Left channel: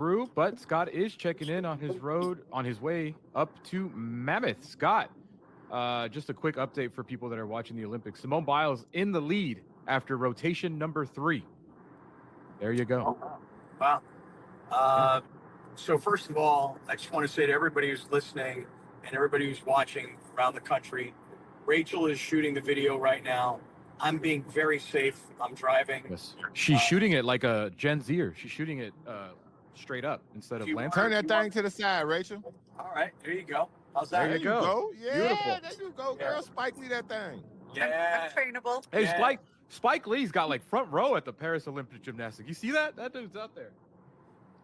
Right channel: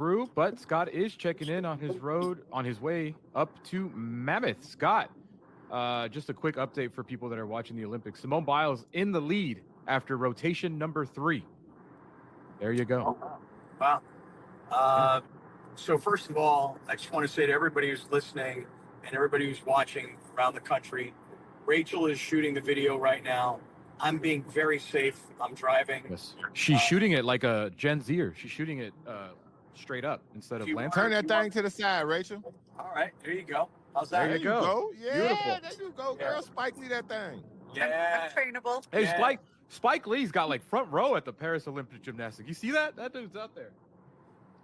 through, but Scott is checking in on his way up to Mammoth. Scott, just a quick update for people that are watching the Olympics. Simone Biles in the lead after rotation number 3. There you go. Wow. So first of all, I just want to say to everybody who's listening and everybody who's watching around the country, Rachel is shooting the video right now. I'm being very safe. I'm driving. Yes. She's shooting it like a Gen Zer. She's shooting it straight up instead of lancing. Turn that thing to the side, Rachel. All right, there you go. How's that? There you go. Yeah, Beautiful. there you go, girl. Spike Lee that thing. Yeah. I'm trainable. Hey, Yeah. Spike Lee's got like front row at the Paris Olympic Gymnastics. You see that? That dude's out there.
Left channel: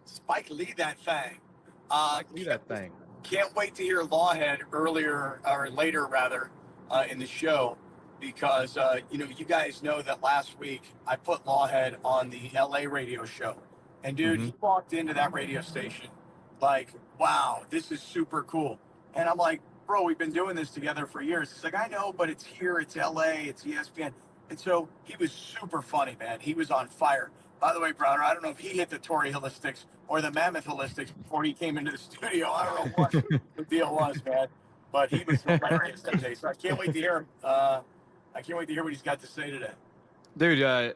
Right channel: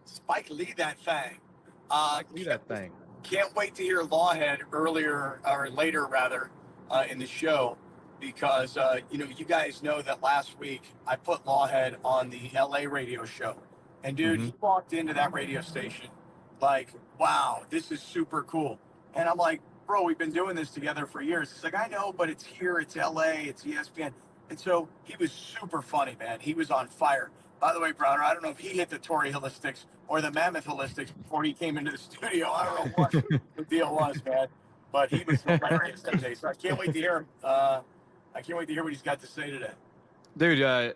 Spike Lee that thing. See that thing. Can't wait to hear Lawhead later in the show, because you guys know that last week I put Lawhead on the LA radio show, and dude, he walked into that radio station like, wow, this is super cool. And I'm like, bro, we've been doing this together for years. He's like, I know, but it's here, it's LA, it's ESPN. And so he was super funny, man. He was on fire. By the way, Browner, I don't know if he hit the Tory Holistics or the Mammoth Holistics before he came into the studio. I don't know what the deal was, man. But he was hilarious that day. So I can't wait to hear him. I can't wait to hear what he's got to say today. Dude,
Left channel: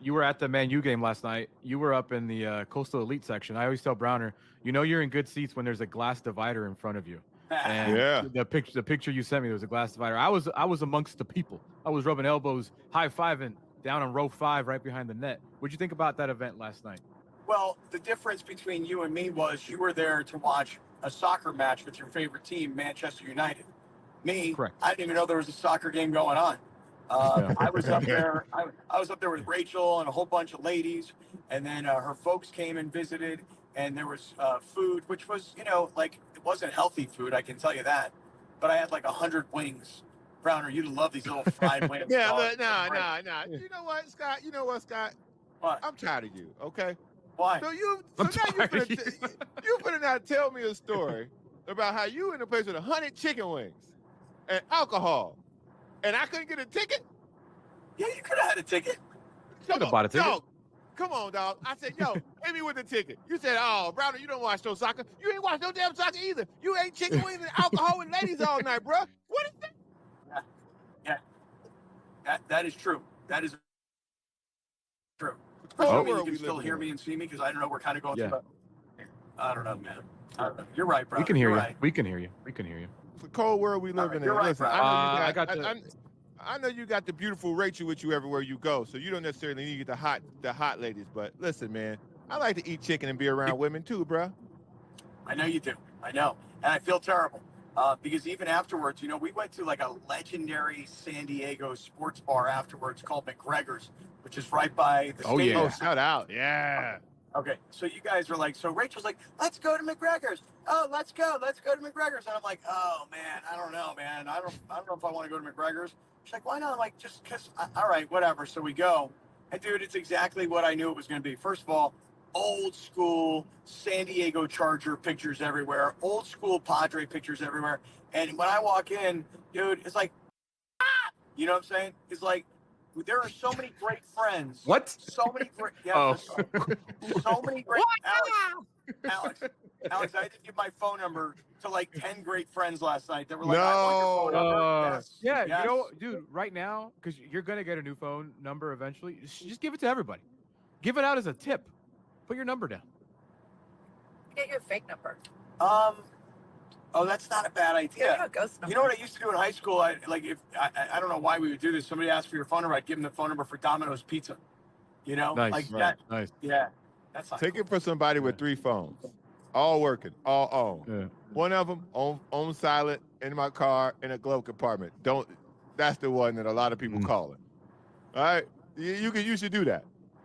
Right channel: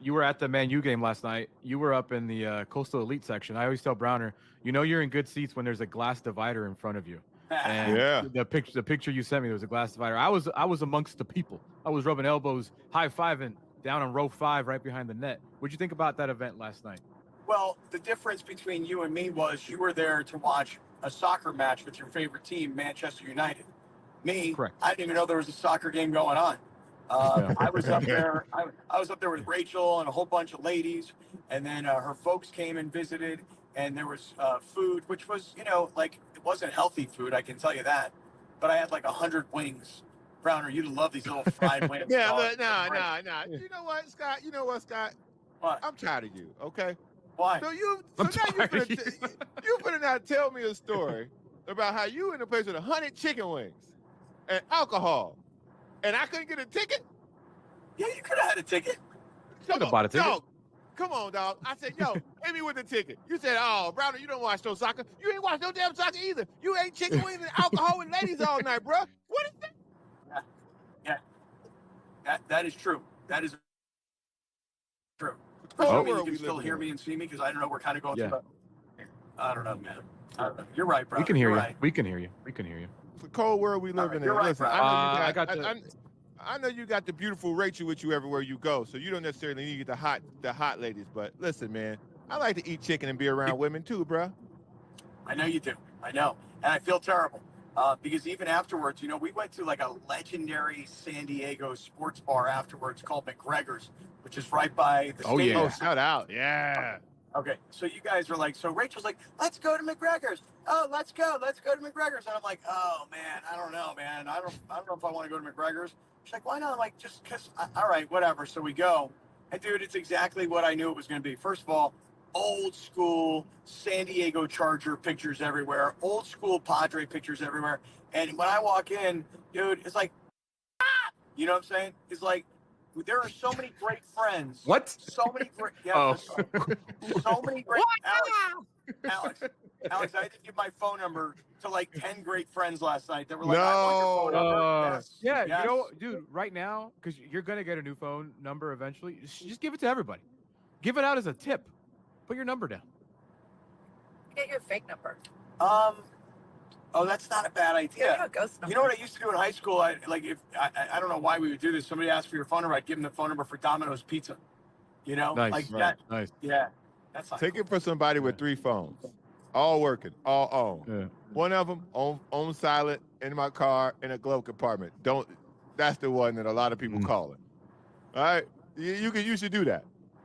you were at the Man U game last night. You were up in the Coastal Elite section. I always tell Browner, you're in good seats when there's a glass divider in front of you. And Yeah. the picture you sent me, there was a glass divider. I was amongst the people. I was rubbing elbows, high-fiving down on row 5 right behind the net. What'd you think about that event last night? Well, the difference between you and me was you were there to watch a soccer match with your favorite team, Manchester United. Me, Correct. I didn't even know there was a soccer game going on. I was up there. I was up there with Rachel and a whole bunch of ladies, and then her folks came and visited, and there was food, which was, like, it wasn't healthy food, I can tell you that. But I had like 100 wings. Browner, you'd love these little fried wings. Yeah, look, nah. You know what, Scott? What? I'm tired of you, okay? Why? So now I'm you're tired of finna now tell me a story about how you in a place with 100 chicken wings and alcohol, and I couldn't get a ticket? Yeah, you could have had a ticket. Could have bought a ticket. Dog, come on, dog. I said, yo, hit me with the ticket. You said, oh, Browner, you don't watch no soccer. You ain't watch no damn soccer either. You ate chicken wings and alcohol and ladies all night, bro. What is that? Yeah. That is true. That is true. Oh, Assuming where you are can we still living hear in? me and see me, because I don't know, we're kind of going Yeah. through I don't know, man. I don't know. You're right, bro. We can hear you. Right. We can hear you. We can hear you. It's a cold world we live in. you're right, Listen, bro. I know you got the beautiful Rachel with you everywhere you go, so you don't necessarily need the hot ladies. But listen, man, I like to eat chicken and be around women too, bro. I know you do. I know. And I feel terrible. Because even afterwards, we went to like a legendary San Diego sports bar afterwards called McGregor's, which is right by the Oh, stadium. yeah. Oh, shout out. Yeah. Okay, so you guys are like, so Rachel's like, let's go to McGregor's. Oh, let's go to McGregor's. And I'm like, oh man, I don't know, man. I don't know if I want to go to McGregor's. She's like, why not? I'm like, just because. All right, whatever. So we go, and dude, it's exactly what I knew it was going to be. First of all, old school San Diego Charger pictures everywhere, old school Padre pictures everywhere. And when I walk in, dude, it's like, you know what I'm saying? It's like, there are so many great friends. What? So many great. Yeah, Oh. so many great. Alex, I had to give my phone number to like 10 great friends last night that were like, I want your phone number. Yes. Yeah, Yes. dude, right now, because you're going to get a new phone number eventually, just give it to everybody. Give it out as a tip. Put your number down. Get your fake number. Oh, that's not a bad Get idea. you a ghost number. You know what I used to do in high school? I don't know why we would do this. Somebody asked for your phone number, I'd give them the phone number for Domino's Pizza. Nice, like right, that. nice. Yeah, that's not Take it for somebody with 3 phones, all working, all on. Yeah. One of them on silent in my car in a glove compartment. That's the one that a lot of people call it. All right, you should do that.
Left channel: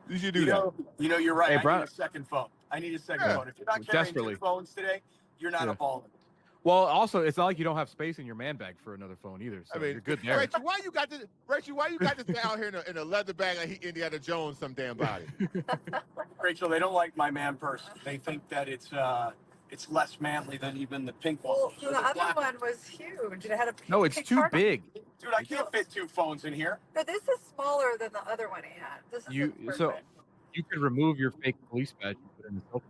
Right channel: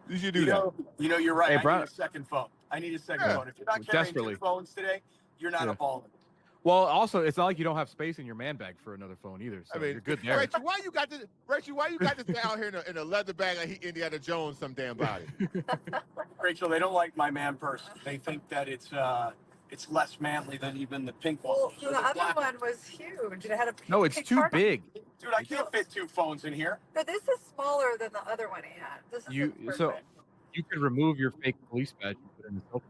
You should do that. You're right. Hey, I Brian. need a second phone. If you're not carrying Desperately. 2 phones today, you're not a baller. Well, also, it's not like you don't have space in your man bag for another phone either. So you're good there. Rachel, why you got this guy out here in a leather bag like he Indiana Jones some damn body? Rachel, they don't like my man purse. They think that it's less manly than even the pink one. Well, the other one was huge. It had a No, it's pink too card. big. Dude, I can't fit 2 phones in here. But this is smaller than the other one he had. This is So perfect. you can remove your fake police badge and put in the selfie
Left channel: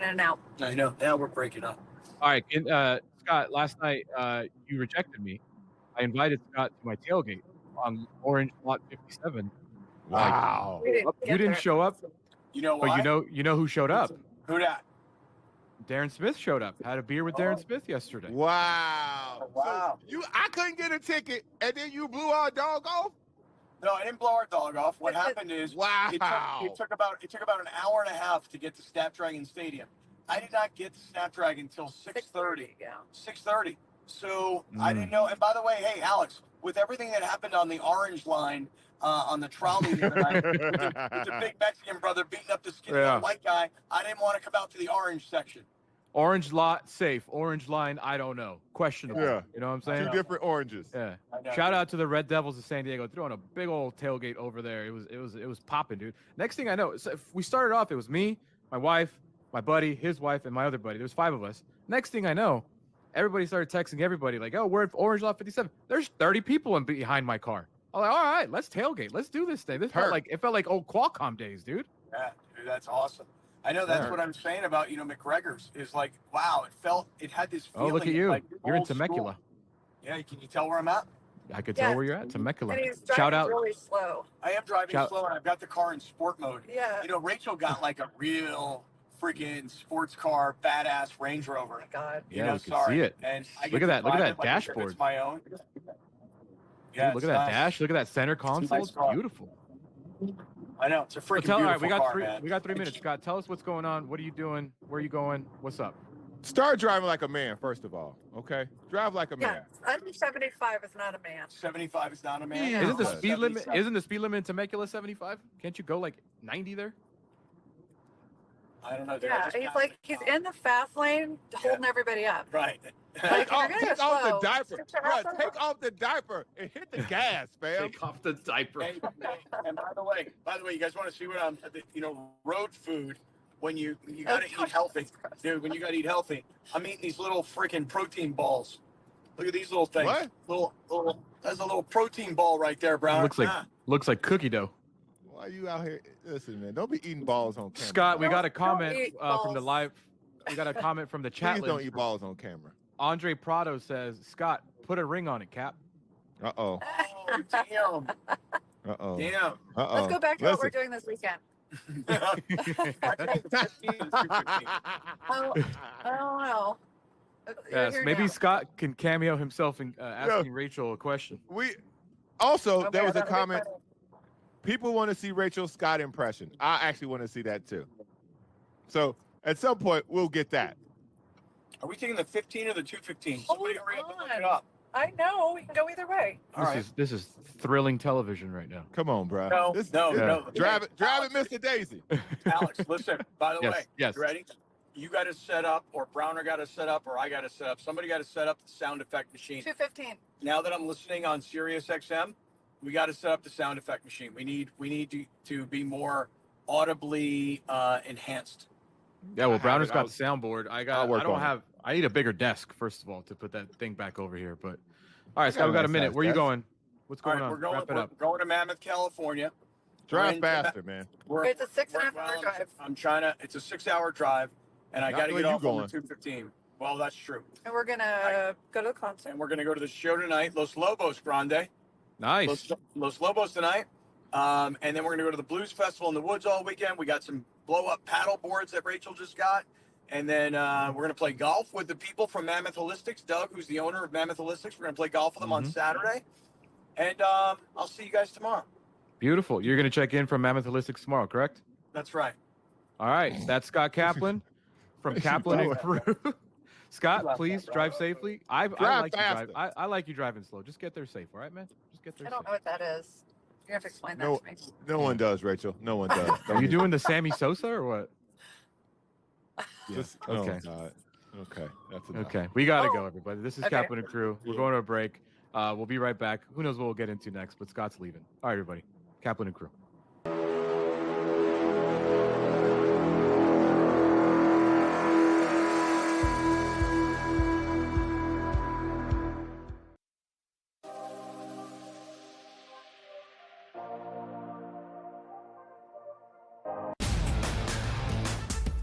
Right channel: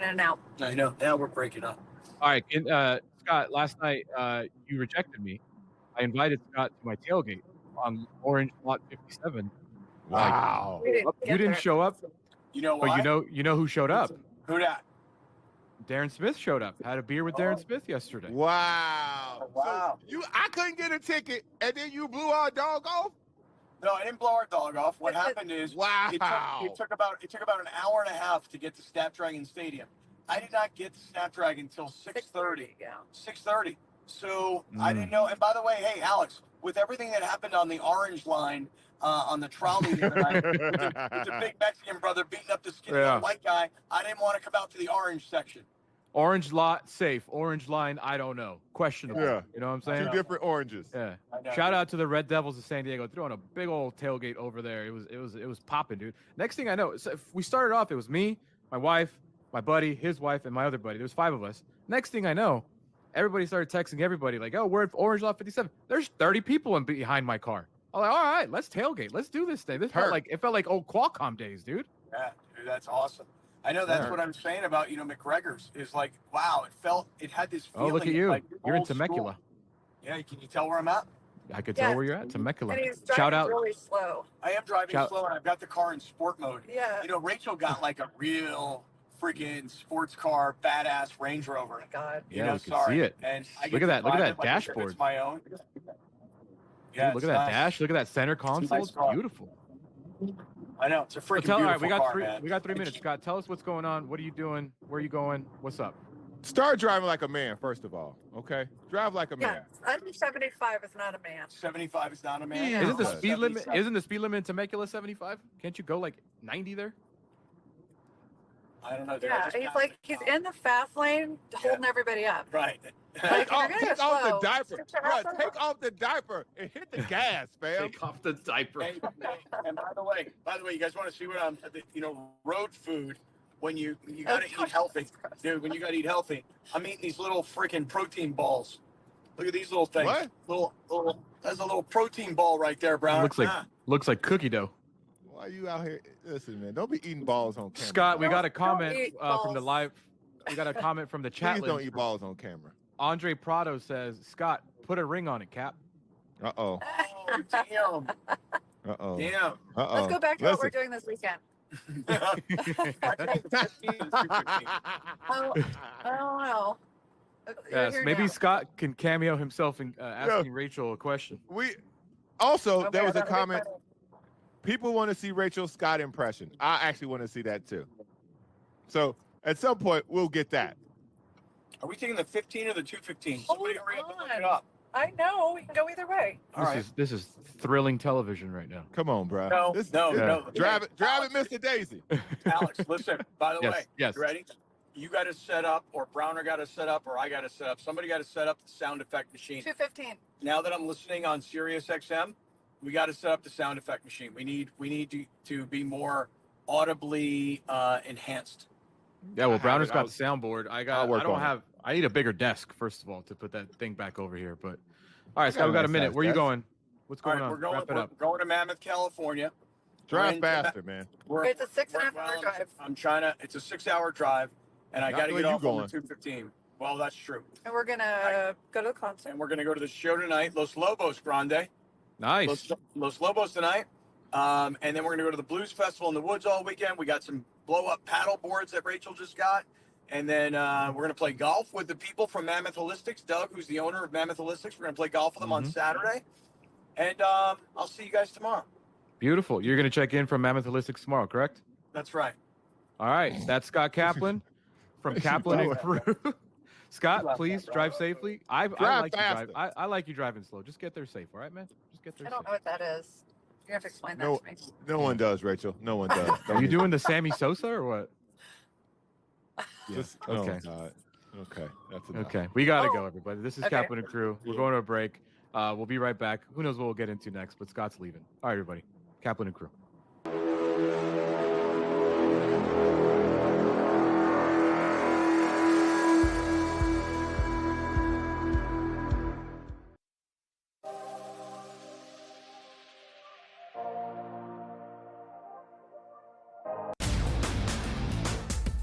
going in and out. I know. Now we're breaking up. All right, Scott. Last night you rejected me. I invited Scott to my tailgate on Orange Lot 57. Wow. We didn't You get didn't there. show up, You know but why? you know who showed up. Who that? Darren Smith showed up. Had a beer with Darren Smith yesterday. Wow. Wow. So I couldn't get a ticket, and then you blew our dog off? No, I didn't blow our dog off. What happened is Wow. it took about an hour and a half to get to Snapdragon Stadium. I did not get to Snapdragon until 6:30. Yeah. 6:30. So I didn't know. And by the way, hey Alex, with everything that happened on the orange line on the trolley the other night, with the big Mexican brother beating up the skinny little white guy, I didn't want to come out to the orange section. Orange lot safe. Orange line, I don't know. Questionable. Yeah. You know what I'm Two saying? different oranges. Yeah. I know. Shout out to the Red Devils of San Diego throwing a big old tailgate over there. It was popping, dude. Next thing I know, so we started off. It was me, my wife, my buddy, his wife, and my other buddy. There was 5 of us. Next thing I know, everybody started texting everybody like, "Oh, we're at Orange Lot 57." There's 30 people behind my car. I'm like, "All right, let's tailgate. Let's do this thing." It felt like old Qualcomm days, dude. Yeah, dude, that's awesome. I know that's Yeah. what I'm saying about McGregor's is like, wow, it had this Oh, feeling. look at of, you. like, You're in old school. Temecula. Yeah, can you tell where I'm at? I could Yeah. tell where you're at. Temecula. And he's Shout driving out. really slow. I am driving Shout- slow, and I've got the car in sport mode. Yeah. You know, Rachel got like a real freaking sports car, badass Range Rover. Oh my God. Yeah, know, we can sorry. see it. And I Look get at to that. Look at drive that it like as if dashboard. It's my own. Dude, Yeah, look at that dash. Look at that center console. nice It's car. beautiful. I know it's a freaking All right, beautiful car, man. we got 3 minutes. Scott, tell us what's going on. What are you doing? Where are you going? What's up? Start driving like a man, first of all. Okay? Drive like a Yeah. man. Under 75 is not a man. 75 is not a man. Yeah. Isn't the Okay. speed limit? 77. Isn't the speed limit in Temecula 75? Can't you go like 90 there? I don't know. dude, I Yeah. just He's got like, it. he's in the fast lane holding everybody up. Right. Take off, you're gonna take off the slow, diaper. sit your Bro, ass take down. off the diaper and hit the gas, fam. Take off the diaper. Hey, and by the way, you guys want to see what I'm, road food when you gotta eat healthy, dude. When you gotta eat healthy, I'm eating these little freaking protein balls. Look at these little things. What? Little. That's a little protein ball right there, Brown. Looks like cookie dough. Why you out here? Listen, man, don't be eating balls on camera. Scott, we got a Don't comment eat from the balls. live. We got a comment from the chat. Please don't list. eat balls on camera. Andre Prado says, "Scott, put a ring on it, Cap." Uh-oh. Oh, damn. Uh-oh. Damn. Uh-oh. Let's go back to what we're doing this weekend. Oh, I don't know. You're Yes, here maybe now. Scott can cameo himself in asking Rachel a question. We also, Okay, there was a that'll be comment. funny. People want to see Rachel Scott impression. I actually want to see that too. So at some point, we'll get that. Are we taking the 15 or the 215? Somebody Hold hurry up and look on. it up. I know. We can go either way. All right. This is thrilling television right now. Come on, bro. No, no. Drive it, Alex, Mr. Daisy. Alex, listen. By the Yes, way, yes. you ready? You got to set up, or Browner got to set up, or I got to set up. Somebody got to set up the sound effect machine. 215. Now that I'm listening on Sirius XM, we got to set up the sound effect machine. We need to be more audibly enhanced. Yeah, well, I have Browner's it. got the soundboard. I need a bigger desk first of all to put that thing back over here. But all right, Scott, we got a minute. Where are you going? What's All going right, on? we're Wrap it up. going to Mammoth, California. We're Drive in- faster, man. It's a 6.5 hour drive. I'm trying to. It's a 6-hour drive, and I Not got to where get you off on the going. 215. Well, that's true. And we're going to go to the concert. And we're going to go to the show tonight, Los Lobos Grande. Nice. Los Lobos tonight. And then we're going to go to the Blues Festival in the woods all weekend. We got some blow-up paddle boards that Rachel just got. And then we're going to play golf with the people from Mammoth Holistics. Doug, who's the owner of Mammoth Holistics, we're going to play golf with them on Saturday. And I'll see you guys tomorrow. Beautiful. You're going to check in from Mammoth Holistics tomorrow, correct? That's right. All right. That's Scott Kaplan from Kaplan and Crew. Scott, please drive safely. I like you faster. drive. I like you driving slow. Just get there safe, all right, man? Just get there I don't safe. know what that is. You have to explain that No, to me. no one does, Rachel. No one does. Are you doing the Sammy Sosa or what? Just, Okay. Oh, God. Okay. That's enough. Okay, we got to go, everybody. This is Okay. Kaplan and Crew. We're going to a break. We'll be right back. Who knows what we'll get into next, but Scott's leaving. All right, everybody. Kaplan and Crew.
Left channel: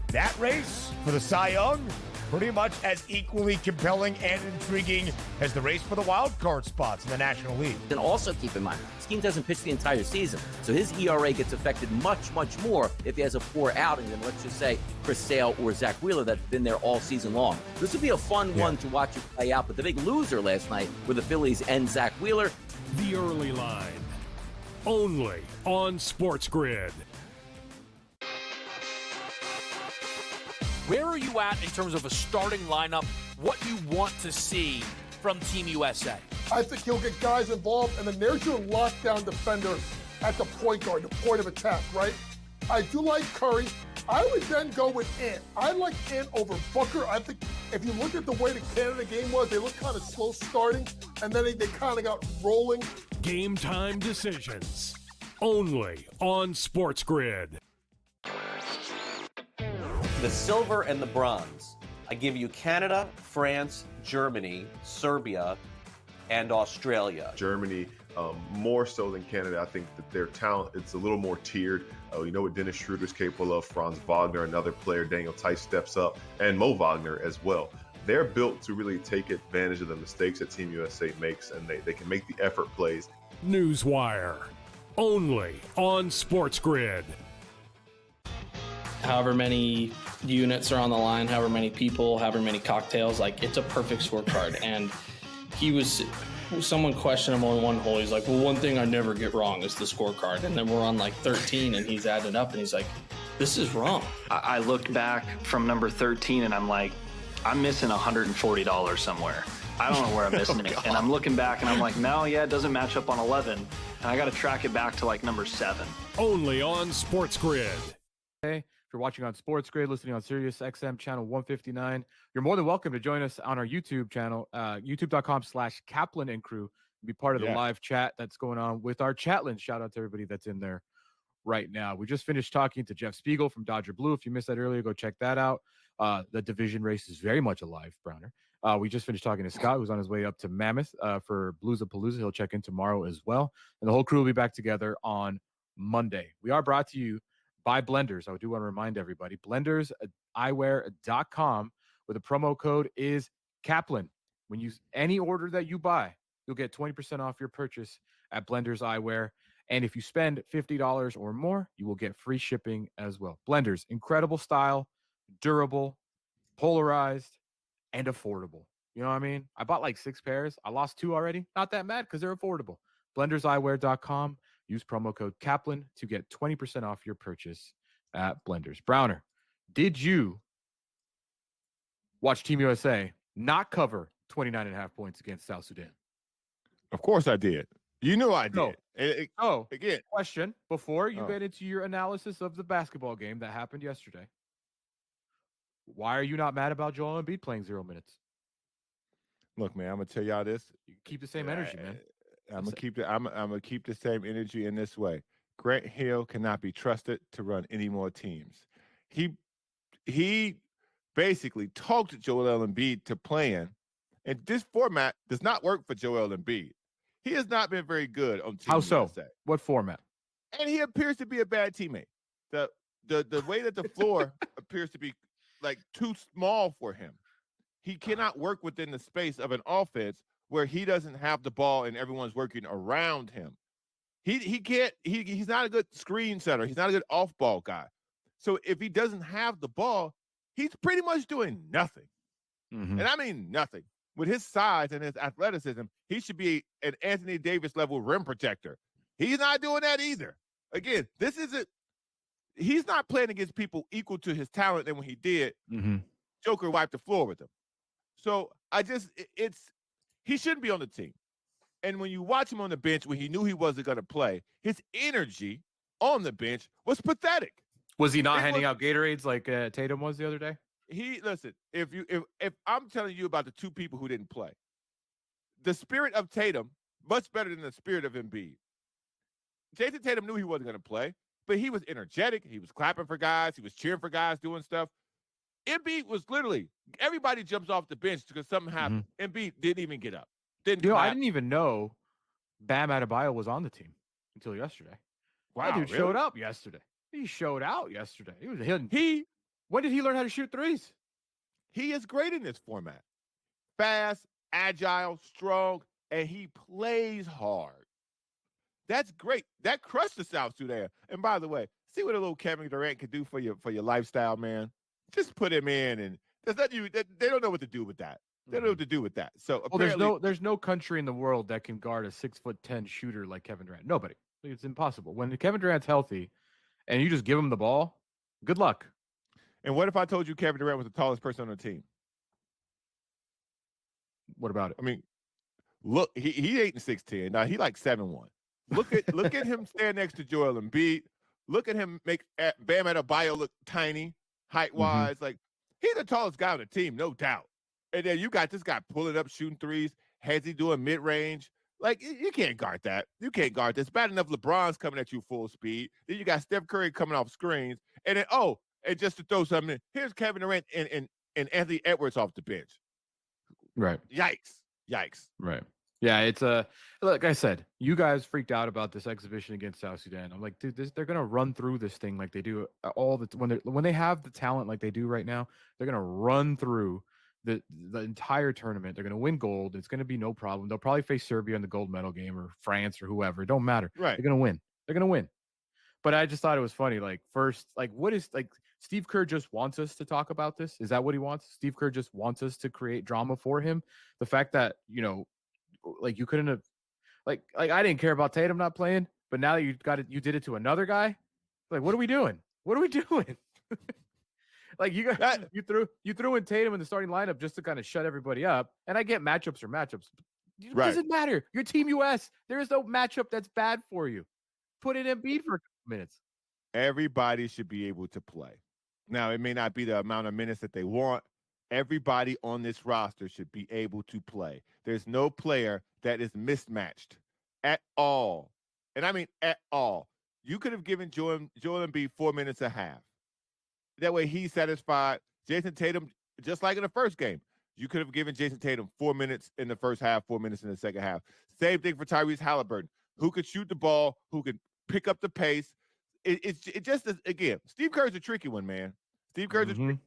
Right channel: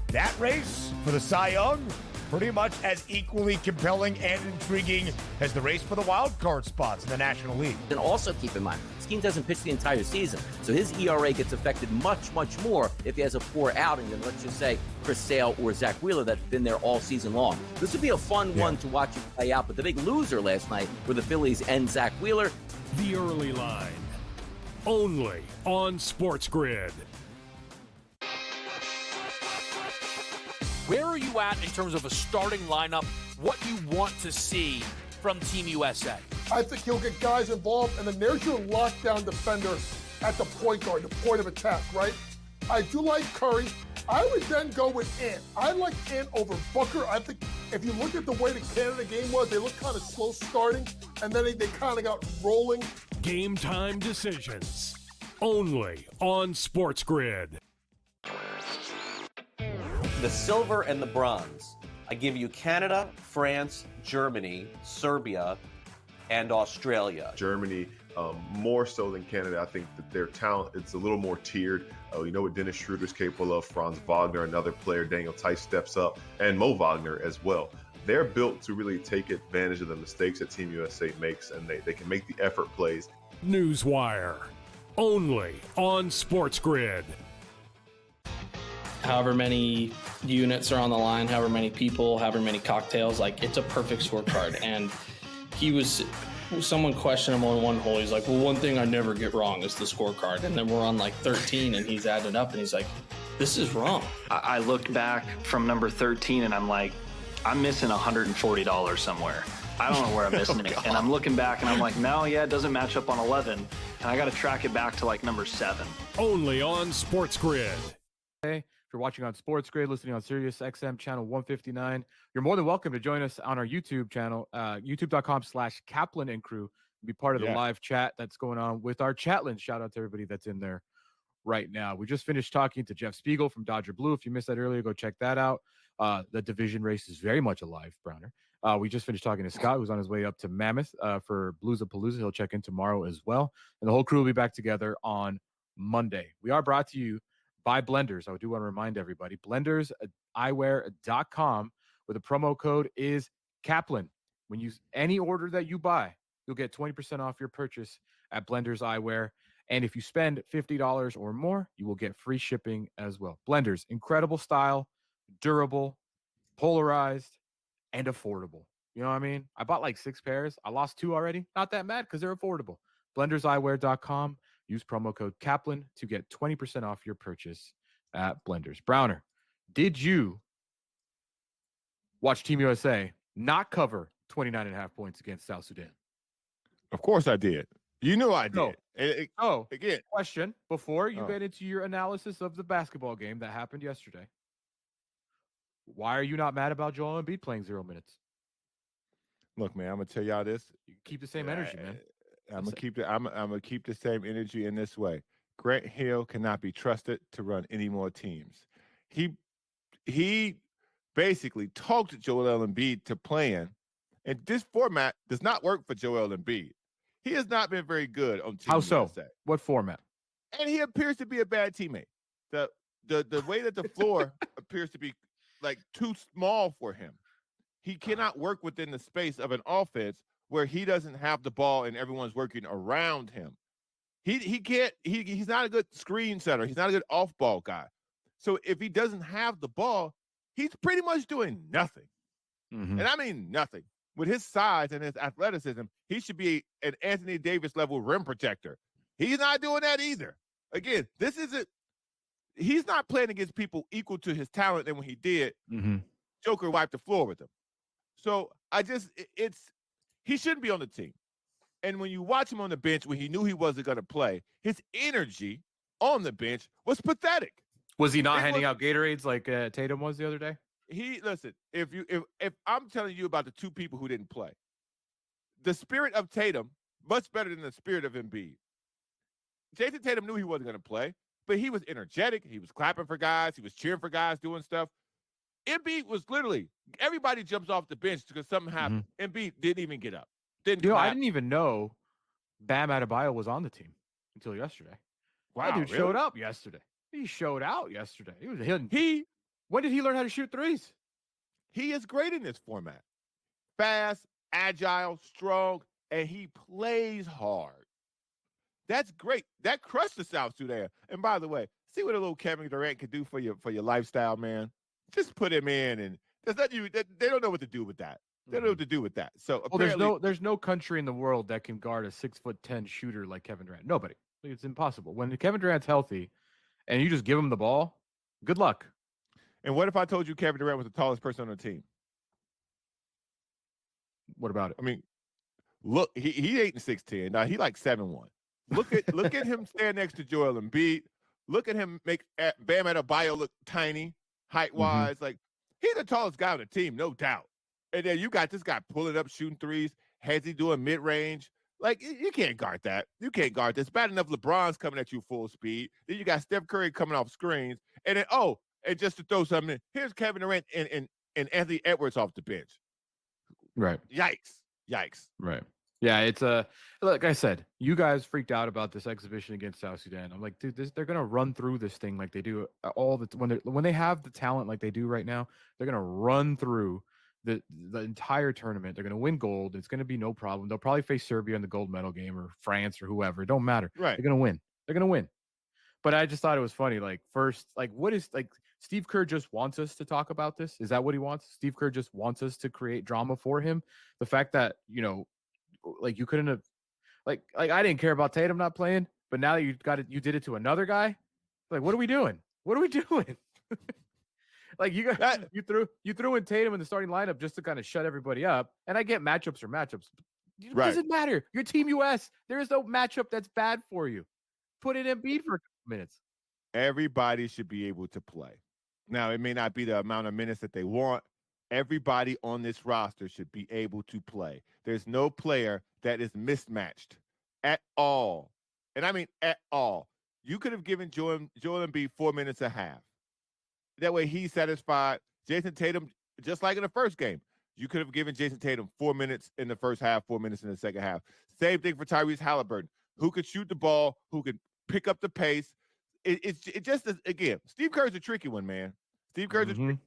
That race for the Cy Young, pretty much as equally compelling and intriguing as the race for the wild card spots in the National League. And also keep in mind, Skeen doesn't pitch the entire season, so his ERA gets affected much, much more if he has a poor outing than, let's just say, Chris Sale or Zach Wheeler that's been there all season long. This would be a fun one to watch it play out, but the big loser last night were the Phillies and Zach Wheeler. The Early Line, only on SportsGrid. Where are you at in terms of a starting lineup? What you want to see from Team USA? I think he'll get guys involved, and then there's your lockdown defender at the point guard, the point of attack, right? I do like Curry. I would then go with Ant. I like Ant over Booker. I think if you look at the way the Canada game was, they looked kind of slow starting, and then they kind of got rolling. Game time decisions, only on SportsGrid. The silver and the bronze. I give you Canada, France, Germany, Serbia, and Australia. Germany, more so than Canada. I think that their talent, it's a little more tiered. You know what Dennis Schroeder's capable of. Franz Wagner, another player. Daniel Tice steps up, and Mo Wagner as well. They're built to really take advantage of the mistakes that Team USA makes, and they can make the effort plays. Newswire, only on SportsGrid. However many units are on the line, however many people, however many cocktails, like it's a perfect scorecard. And someone questioned him on one hole. He's like, well, one thing I never get wrong is the scorecard. And then we're on like 13 and he's added up and he's like, this is wrong. I looked back from number 13 and I'm like, I'm missing $140 somewhere. I don't know where I'm missing it. And I'm looking back and I'm like, no, it doesn't match up on 11. And I got to track it back to like number 7. Only on SportsGrid. Hey. If you're watching on SportsGrid, listening on Sirius XM channel 159, you're more than welcome to join us on our YouTube channel, youtube.com/Kaplan and crew, and be part of the live chat that's going on with our chatlin. Shout out to everybody that's in there right now. We just finished talking to Jeff Spiegel from Dodger Blue. If you missed that earlier, go check that out. The division race is very much alive, Browner. We just finished talking to Scott, who's on his way up to Mammoth for Blues-a-Palooza. He'll check in tomorrow as well. And the whole crew will be back together on Monday. We are brought to you by Blenders. I do want to remind everybody, blenderseyewear.com, where the promo code is Kaplan. When you any order that you buy, you'll get 20% off your purchase at Blenders Eyewear. And if you spend $50 or more, you will get free shipping as well. Blenders, incredible style, durable, polarized, and affordable. You know what I mean? I bought like 6 pairs. I lost 2 already. Not that mad because they're affordable. Blenderseyewear.com. Use promo code Kaplan to get 20% off your purchase at Blenders. Browner, did you watch Team USA not cover 29.5 points against South Sudan? Of course I did. You know I did. Again, question before you get into your analysis of the basketball game that happened yesterday. Why are you not mad about Joel Embiid playing 0 minutes? Look, man, I'm gonna tell y'all this. You keep the same energy, man. I'm gonna keep the same energy in this way. Grant Hill cannot be trusted to run any more teams. He basically talked Joel Embiid to playing, and this format does not work for Joel Embiid. He has not been very good on Team USA. How so? What format? And he appears to be a bad teammate. The way that the floor appears to be like too small for him. He cannot work within the space of an offense where he doesn't have the ball and everyone's working around him. He's not a good screen setter. He's not a good off-ball guy. So if he doesn't have the ball, he's pretty much doing nothing. Mm-hmm. And I mean nothing. With his size and his athleticism, he should be an Anthony Davis level rim protector. He's not doing that either. Again, he's not playing against people equal to his talent than when he did. Mm-hmm. Joker wiped the floor with him. So he shouldn't be on the team. And when you watch him on the bench when he knew he wasn't going to play, his energy on the bench was pathetic. Was he not handing out Gatorades like Tatum was the other day? Listen, if I'm telling you about the 2 people who didn't play, the spirit of Tatum much better than the spirit of Embiid. Jason Tatum knew he wasn't going to play, but he was energetic. He was clapping for guys. He was cheering for guys, doing stuff. Embiid was literally, everybody jumps off the bench because something happened. Mm-hmm. Embiid didn't even get up. I didn't even know Bam Adebayo was on the team until yesterday. Wow, that dude showed up yesterday. He showed out yesterday. He was hitting. When did he learn how to shoot threes? He is great in this format. Fast, agile, strong, and he plays hard. That's great. That crushed the South Sudan. And by the way, see what a little Kevin Durant could do for your lifestyle, man. Just put him in, and they don't know what to do with that. They don't know what to do with that. So there's no country in the world that can guard a 6'10" shooter like Kevin Durant. Nobody. It's impossible. When Kevin Durant's healthy, and you just give him the ball, good luck. And what if I told you Kevin Durant was the tallest person on the team? What about it? I mean, look, he ain't 6'10". Now he like 7'1". Look at him stand next to Joel Embiid. Look at him make Bam Adebayo look tiny, height wise. Mm-hmm. Like, he's the tallest guy on the team, no doubt. And then you got this guy pulling up, shooting threes. Has he doing mid range? Like, you can't guard that. You can't guard this. Bad enough LeBron's coming at you full speed. Then you got Steph Curry coming off screens. And then, and just to throw something in, here's Kevin Durant and Anthony Edwards off the bench. Right. Yikes. Right. Yeah, it's like I said, you guys freaked out about this exhibition against South Sudan. I'm like, dude, they're gonna run through this thing like they do when they have the talent like they do right now. They're gonna run through the entire tournament. They're gonna win gold. It's gonna be no problem. They'll probably face Serbia in the gold medal game or France or whoever. It don't matter. Right. They're gonna win. But I just thought it was funny. Like, first, like, what is like Steve Kerr just wants us to talk about this? Is that what he wants? Steve Kerr just wants us to create drama for him. The fact that like you couldn't have, like I didn't care about Tatum not playing, but now you did it to another guy. Like, what are we doing? Like, you threw in Tatum in the starting lineup just to kind of shut everybody up. And I get matchups are matchups. It doesn't matter. You're Team US. There is no matchup that's bad for you. Put it in Embiid for a couple minutes. Everybody should be able to play. Now, it may not be the amount of minutes that they want. Everybody on this roster should be able to play. There's no player that is mismatched at all. And I mean at all. You could have given Joel Embiid 4 minutes a half. That way he's satisfied. Jason Tatum, just like in the first game, you could have given Jason Tatum 4 minutes in the first half, 4 minutes in the second half. Same thing for Tyrese Halliburton, who could shoot the ball, who could pick up the pace. It just is, again, Steve Kerr's a tricky one, man. Steve Kerr's a tricky.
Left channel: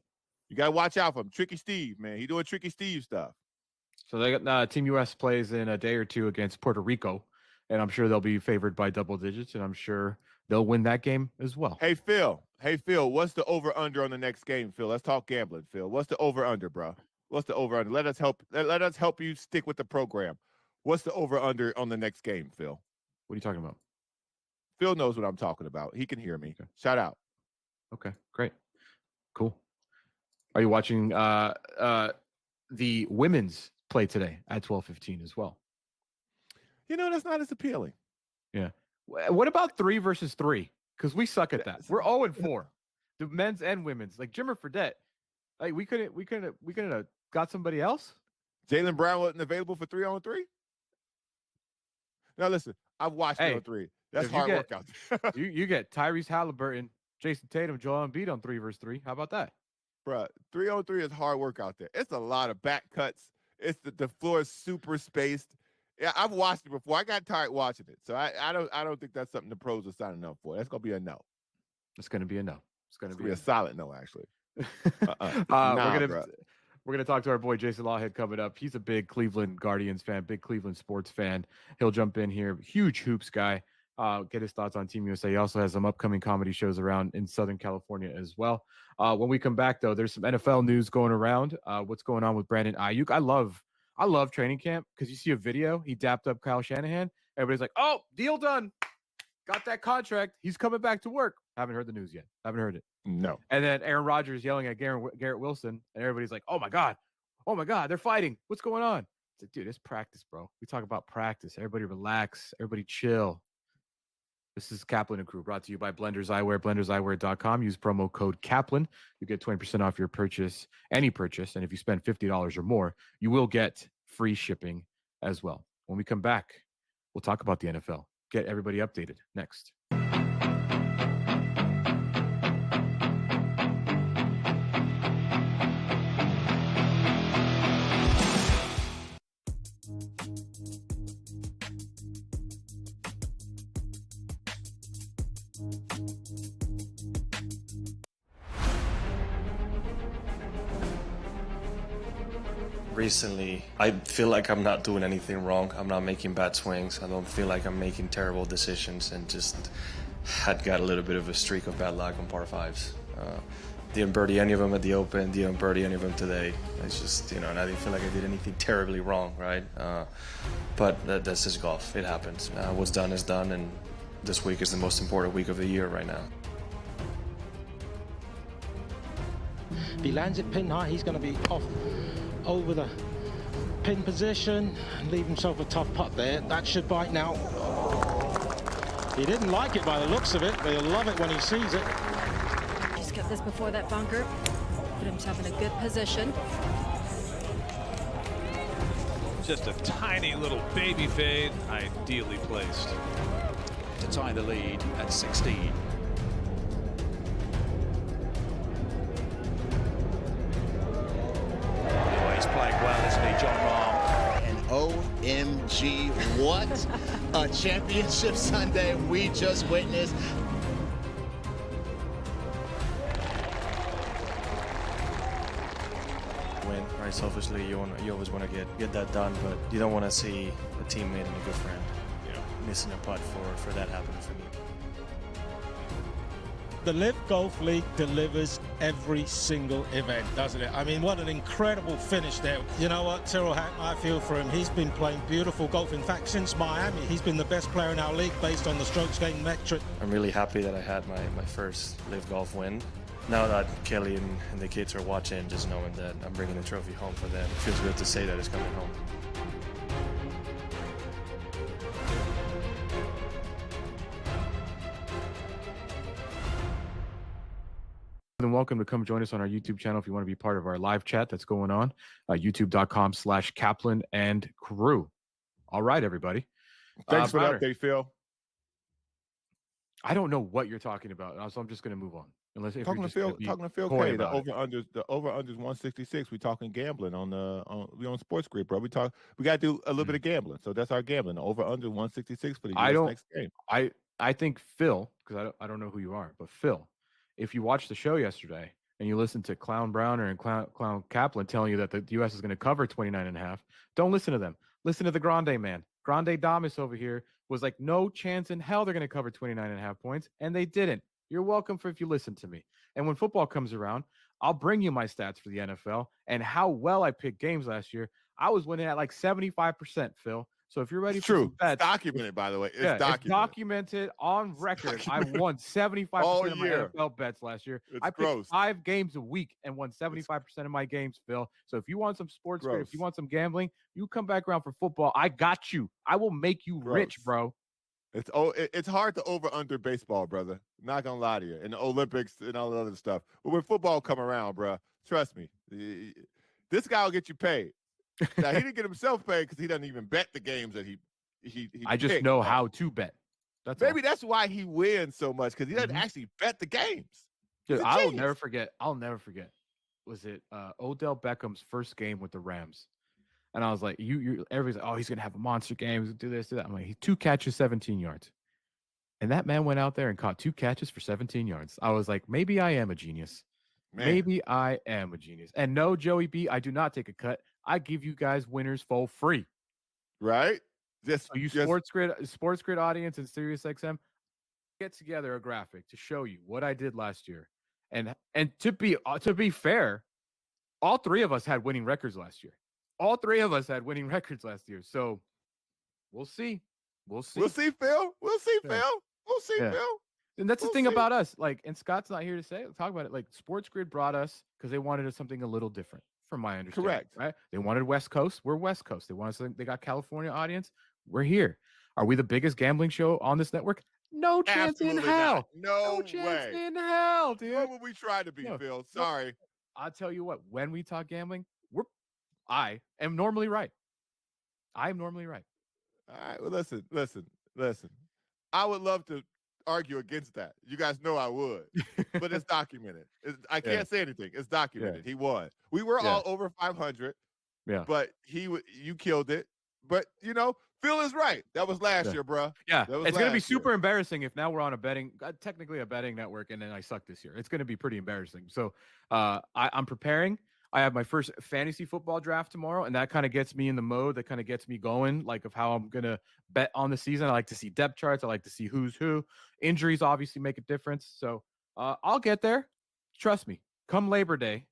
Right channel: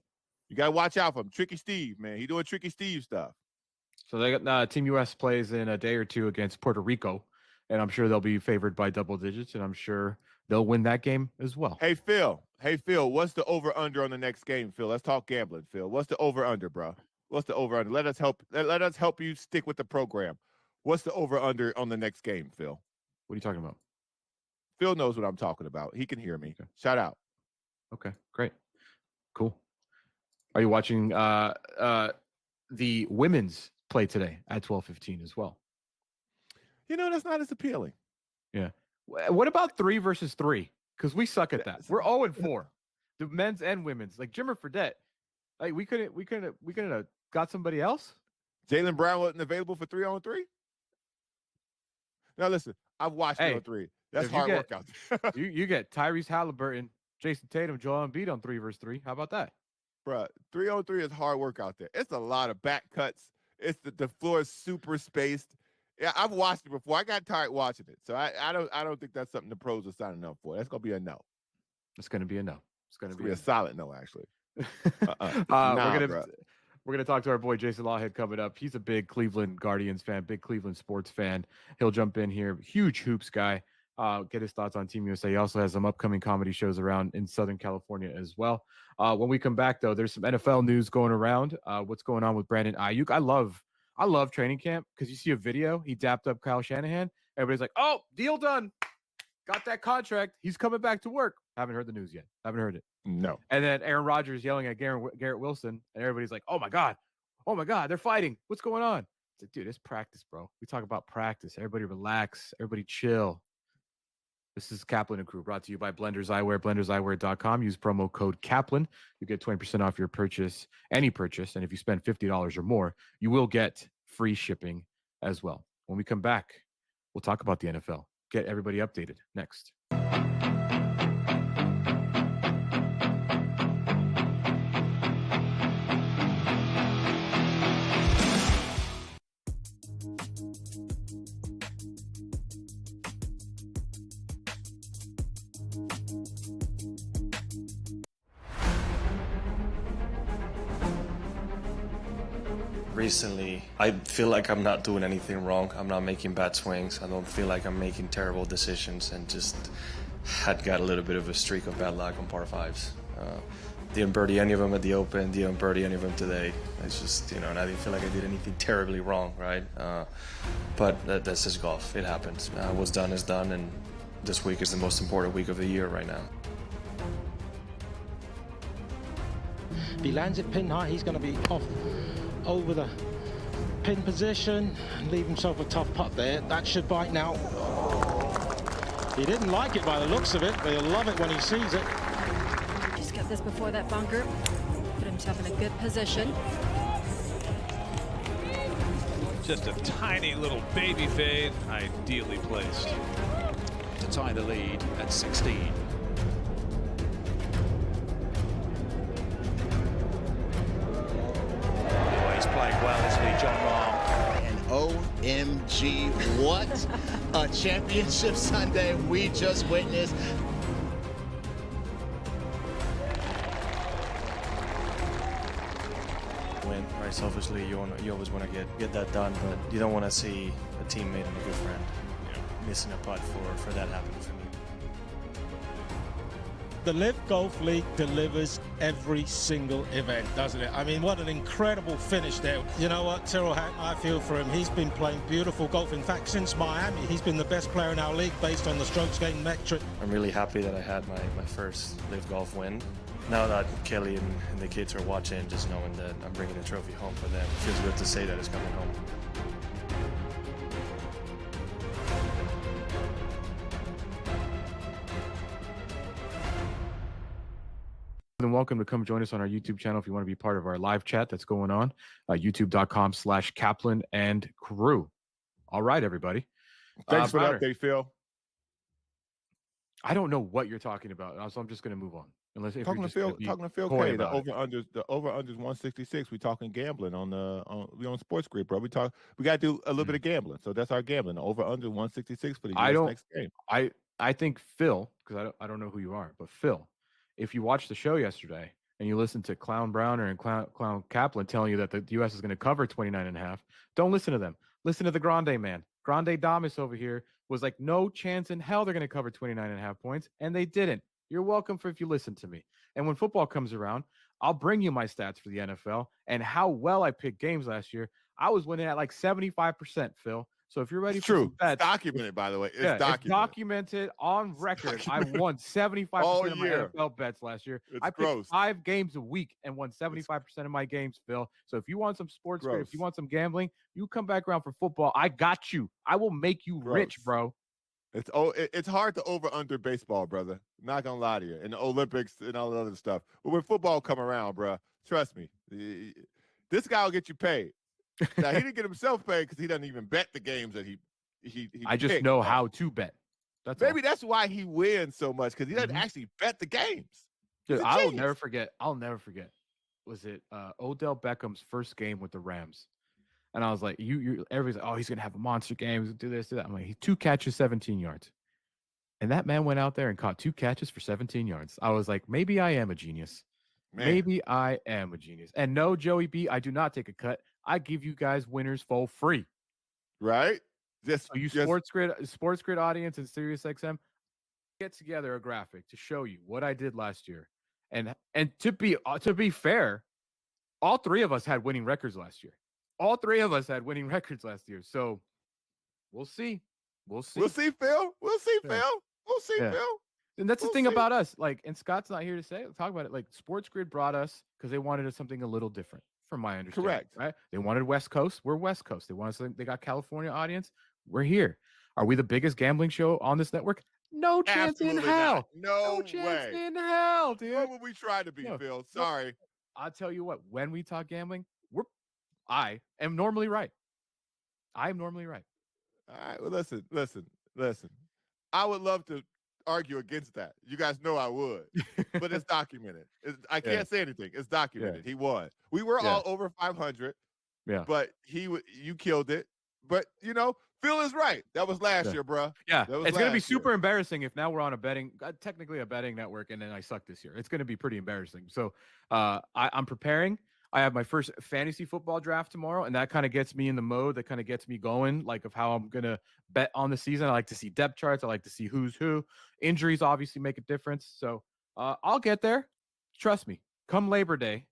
You got to watch out for him. Tricky Steve, man. He doing Tricky Steve stuff. So they got Team US plays in a day or two against Puerto Rico, and I'm sure they'll be favored by double digits, and I'm sure they'll win that game as well. Hey, Phil, what's the over-under on the next game, Phil? Let's talk gambling, Phil. What's the over-under, bro? What's the over-under? Let us help you stick with the program. What's the over-under on the next game, Phil? What are you talking about? Phil knows what I'm talking about. He can hear me. Okay. Shout out. Okay, great. Cool. Are you watching the women's play today at 12:15 as well? That's not as appealing. Yeah. What about 3 versus 3? Because we suck at that. We're 0-4. The men's and women's. Like Jimmer Fredette. Like we couldn't have got somebody else. Jaylen Brown wasn't available for 3-on-3. Now listen, I've watched 3-on-3. That's hard workouts. you get Tyrese Halliburton, Jason Tatum, Joel Embiid on 3 versus 3. How about that? Bro, 3-on-3 is hard work out there. It's a lot of back cuts. It's the floor is super spaced. Yeah, I've watched it before. I got tired watching it. So I don't think that's something the pros are signing up for. That's gonna be a no. It's gonna be a no. It's gonna be a solid no, actually. We're gonna talk to our boy Jason Lawhead coming up. He's a big Cleveland Guardians fan, big Cleveland sports fan. He'll jump in here. Huge hoops guy. Get his thoughts on Team USA. He also has some upcoming comedy shows around in Southern California as well. When we come back, though, there's some NFL news going around. What's going on with Brandon Ayuk? I love training camp because you see a video. He dapped up Kyle Shanahan. Everybody's like, "Oh, deal done. Got that contract. He's coming back to work." Haven't heard the news yet. Haven't heard it. No. And then Aaron Rodgers yelling at Garrett Wilson, and everybody's like, "Oh my god, they're fighting. What's going on?" It's like, dude, it's practice, bro. We talk about practice. Everybody relax. Everybody chill. This is Kaplan and Crew, brought to you by Blenders Eyewear, blenderseyewear.com. Use promo code Kaplan. You get 20% off your purchase, any purchase. And if you spend $50 or more, you will get free shipping as well. When we come back, we'll talk about the NFL. Get everybody updated next. recently, I feel like I'm not doing anything wrong. I'm not making bad swings. I don't feel like I'm making terrible decisions, and just had got a little bit of a streak of bad luck on par fives. Didn't birdie any of them at the Open, didn't birdie any of them today. It's just, and I didn't feel like I did anything terribly wrong, right? But that's just golf. It happens. What's done is done, and this week is the most important week of the year right now. If he lands it pin high, he's going to be off over the pin position and leave himself a tough putt there. That should bite now. He didn't like it by the looks of it, but he'll love it when he sees it. Just got this before that bunker. Put himself in a good position. Just a tiny little baby fade, ideally placed. To tie the lead at 16. Playing well, isn't he, John Rahm? And OMG, what a championship Sunday we just witnessed. Win, right? Selfishly, you always want to get that done, but you don't want to see a teammate and a good friend, missing a putt for that happening for me. The Live Golf League delivers every single event, doesn't it? I mean, what an incredible finish there. You know what, Tyrrell Hatton, I feel for him. He's been playing beautiful golf. In fact, since Miami, he's been the best player in our league based on the strokes gained metric. I'm really happy that I had my first Live Golf win. Now that Kelly and the kids are watching, just knowing that I'm bringing the trophy home for them, it feels good to say that it's coming home. And welcome to come join us on our YouTube channel if you want to be part of our live chat that's going on, youtube.com/Kaplan and crew. All right, everybody. Thanks for Browner, that update, Phil. I don't know what you're talking about, so I'm just going to move on. Unless if Talking you're to Phil coy K, about it. the over unders 166. We talking gambling we on SportsGrid, bro. We got to do a little bit of gambling, so that's our gambling. The over under 166 for the next game. I think Phil, because I don't know who you are, but Phil, if you watched the show yesterday and you listened to Clown Browner and Clown Kaplan telling you that the U.S. is going to cover 29.5, don't listen to them. Listen to the Grande man. Grande Damas over here was like, no chance in hell they're going to cover 29.5 points, and they didn't. You're welcome if you listen to me. And when football comes around, I'll bring you my stats for the NFL and how well I picked games last year. I was winning at like 75%, Phil. So if you're ready for some bets, it's documented, by the way. It's documented on record. I won 75% of my NFL bets last year. I picked 5 games a week and won 75% of my games, Phil. So if you want some sports, if you want some gambling, you come back around for football. I got you. I will make you rich, bro. It's hard to over under baseball, brother. Not gonna lie to you. And the Olympics and all the other stuff. But when football come around, bro, trust me, this guy will get you paid. Now, he didn't get himself paid because he doesn't even bet the games that he I just picked, know how to bet. Maybe that's why he wins so much, because he doesn't actually bet the games. Dude, I'll never forget. Was it Odell Beckham's first game with the Rams? And I was like, everybody's like, oh, he's gonna have a monster game. He's gonna do this, do that. I'm like, he 2 catches, 17 yards. And that man went out there and caught 2 catches for 17 yards. I was like, maybe I am a genius. Man. Maybe I am a genius. And no, Joey B, I do not take a cut. I give you guys winners for free. Right? SportsGrid audience and SiriusXM, get together a graphic to show you what I did last year. And to be fair, all 3 of us had winning records last year. So we'll see. We'll see, Phil. Phil. And that's the thing about us. Like, and Scott's not here to talk about it. Like, SportsGrid brought us because they wanted something a little different, from my understanding. Correct. Right? They wanted West Coast. We're West Coast. They got California audience. We're here. Are we the biggest gambling show on this network? No chance in hell. No chance in hell, dude. What would we try to be, Phil? Sorry. I'll tell you what. When we talk gambling, I am normally right. All right. Well, listen. I would love to argue against that. You guys know I would, but it's documented. I can't say anything. It's documented. He won. We were all over 500. Yeah. But you killed it. But Phil is right. That was last year, bro. Yeah. It's going to be super embarrassing if now we're on technically a betting network, and then I suck this year. It's going to be pretty embarrassing. So I'm preparing. I have my first fantasy football draft tomorrow, and that kind of gets me in the mode. That kind of gets me going, like of how I'm gonna bet on the season. I like to see depth charts. I like to see who's who. Injuries obviously make a difference, so I'll get there. Trust me. Come Labor Day,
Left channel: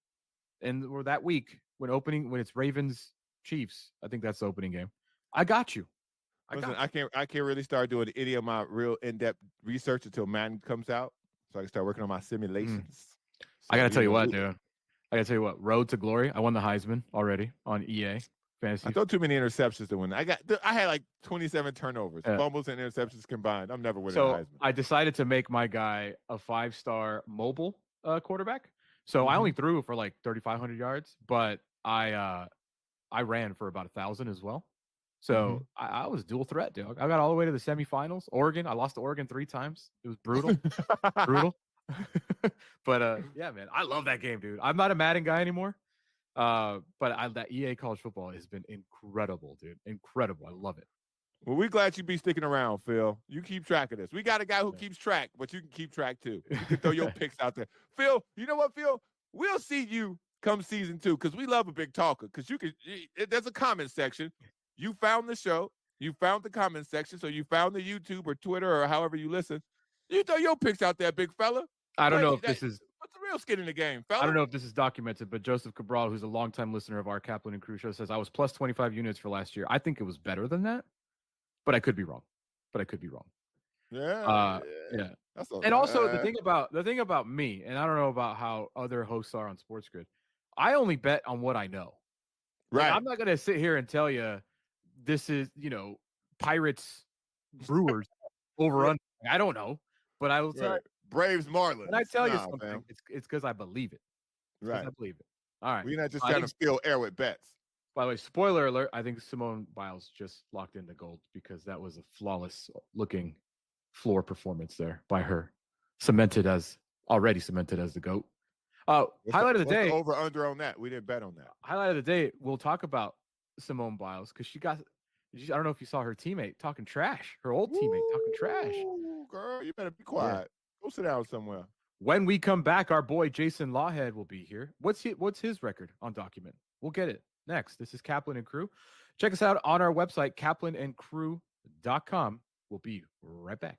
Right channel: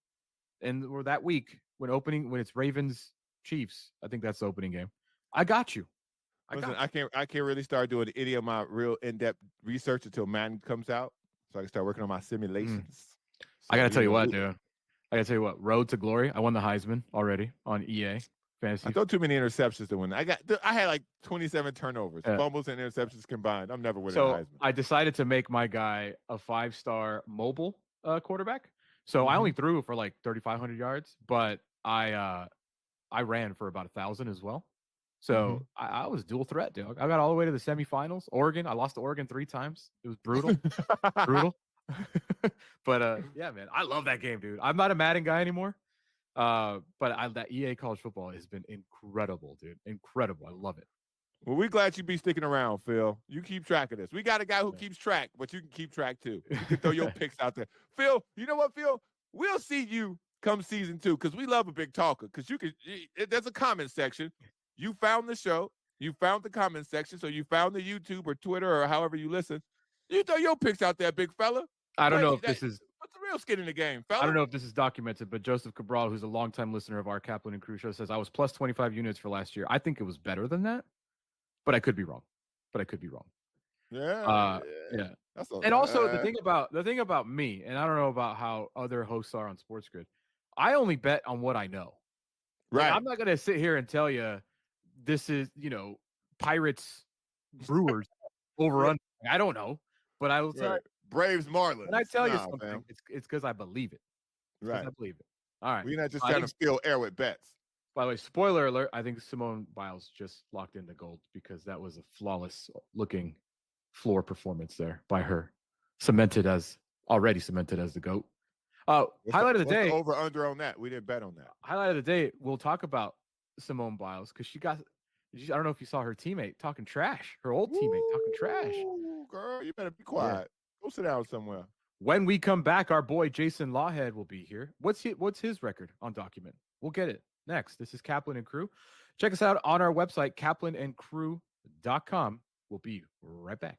or that week when it's Ravens Chiefs. I think that's the opening game. I got you. I can't really start doing any of my real in-depth research until Madden comes out, so I can start working on my simulations. I gotta tell you what, dude. I gotta tell you what. Road to glory. I won the Heisman already on EA fantasy. I throw too many interceptions to win. I had like 27 turnovers, fumbles and interceptions combined. I'm never winning the Heisman. I decided to make my guy a 5-star mobile quarterback. So I only threw for like 3,500 yards, but I ran for about 1,000 as well. So I was dual threat, dude. I got all the way to the semifinals. Oregon, I lost to Oregon 3 times. It was brutal, brutal. But yeah, man, I love that game, dude. I'm not a Madden guy anymore. But that EA college football has been incredible, dude. Incredible. I love it. Well, we're glad you be sticking around, Phil. You keep track of this. We got a guy who keeps track, but you can keep track too. You can throw your picks out there. Phil, you know what, Phil? We'll see you come season 2 because we love a big talker. Because there's a comment section. You found the show. You found the comment section. So you found the YouTube or Twitter or however you listen. You throw your picks out there, big fella. I don't know if this is what's the real skin in the game, fella. I don't know if this is documented, but Joseph Cabral, who's a longtime listener of our Kaplan and Crew show, says I was plus 25 units for last year. I think it was better than that, but I could be wrong. Yeah. And also the thing about me, and I don't know about how other hosts are on SportsGrid. I only bet on what I know. Right. Like, I'm not going to sit here and tell you this is, Pirates, Brewers over under. I don't know, but I will tell you. Braves, Marlins. When I tell you something, it's because I believe it. Right. I believe it. All right. We're not just trying to steal air with bets. By the way, spoiler alert, I think Simone Biles just locked in the gold because that was a flawless looking floor performance there by her. Already cemented as the GOAT. Highlight of the day. Over under on that. We didn't bet on that. Highlight of the day, we'll talk about Simone Biles because I don't know if you saw her teammate talking trash. Her old teammate talking trash. Girl, you better be quiet. Yeah. Go sit down somewhere. When we come back, our boy Jason Lawhead will be here. What's his record on document? We'll get it next. This is Kaplan and Crew. Check us out on our website, kaplanandcrew.com. We'll be right back.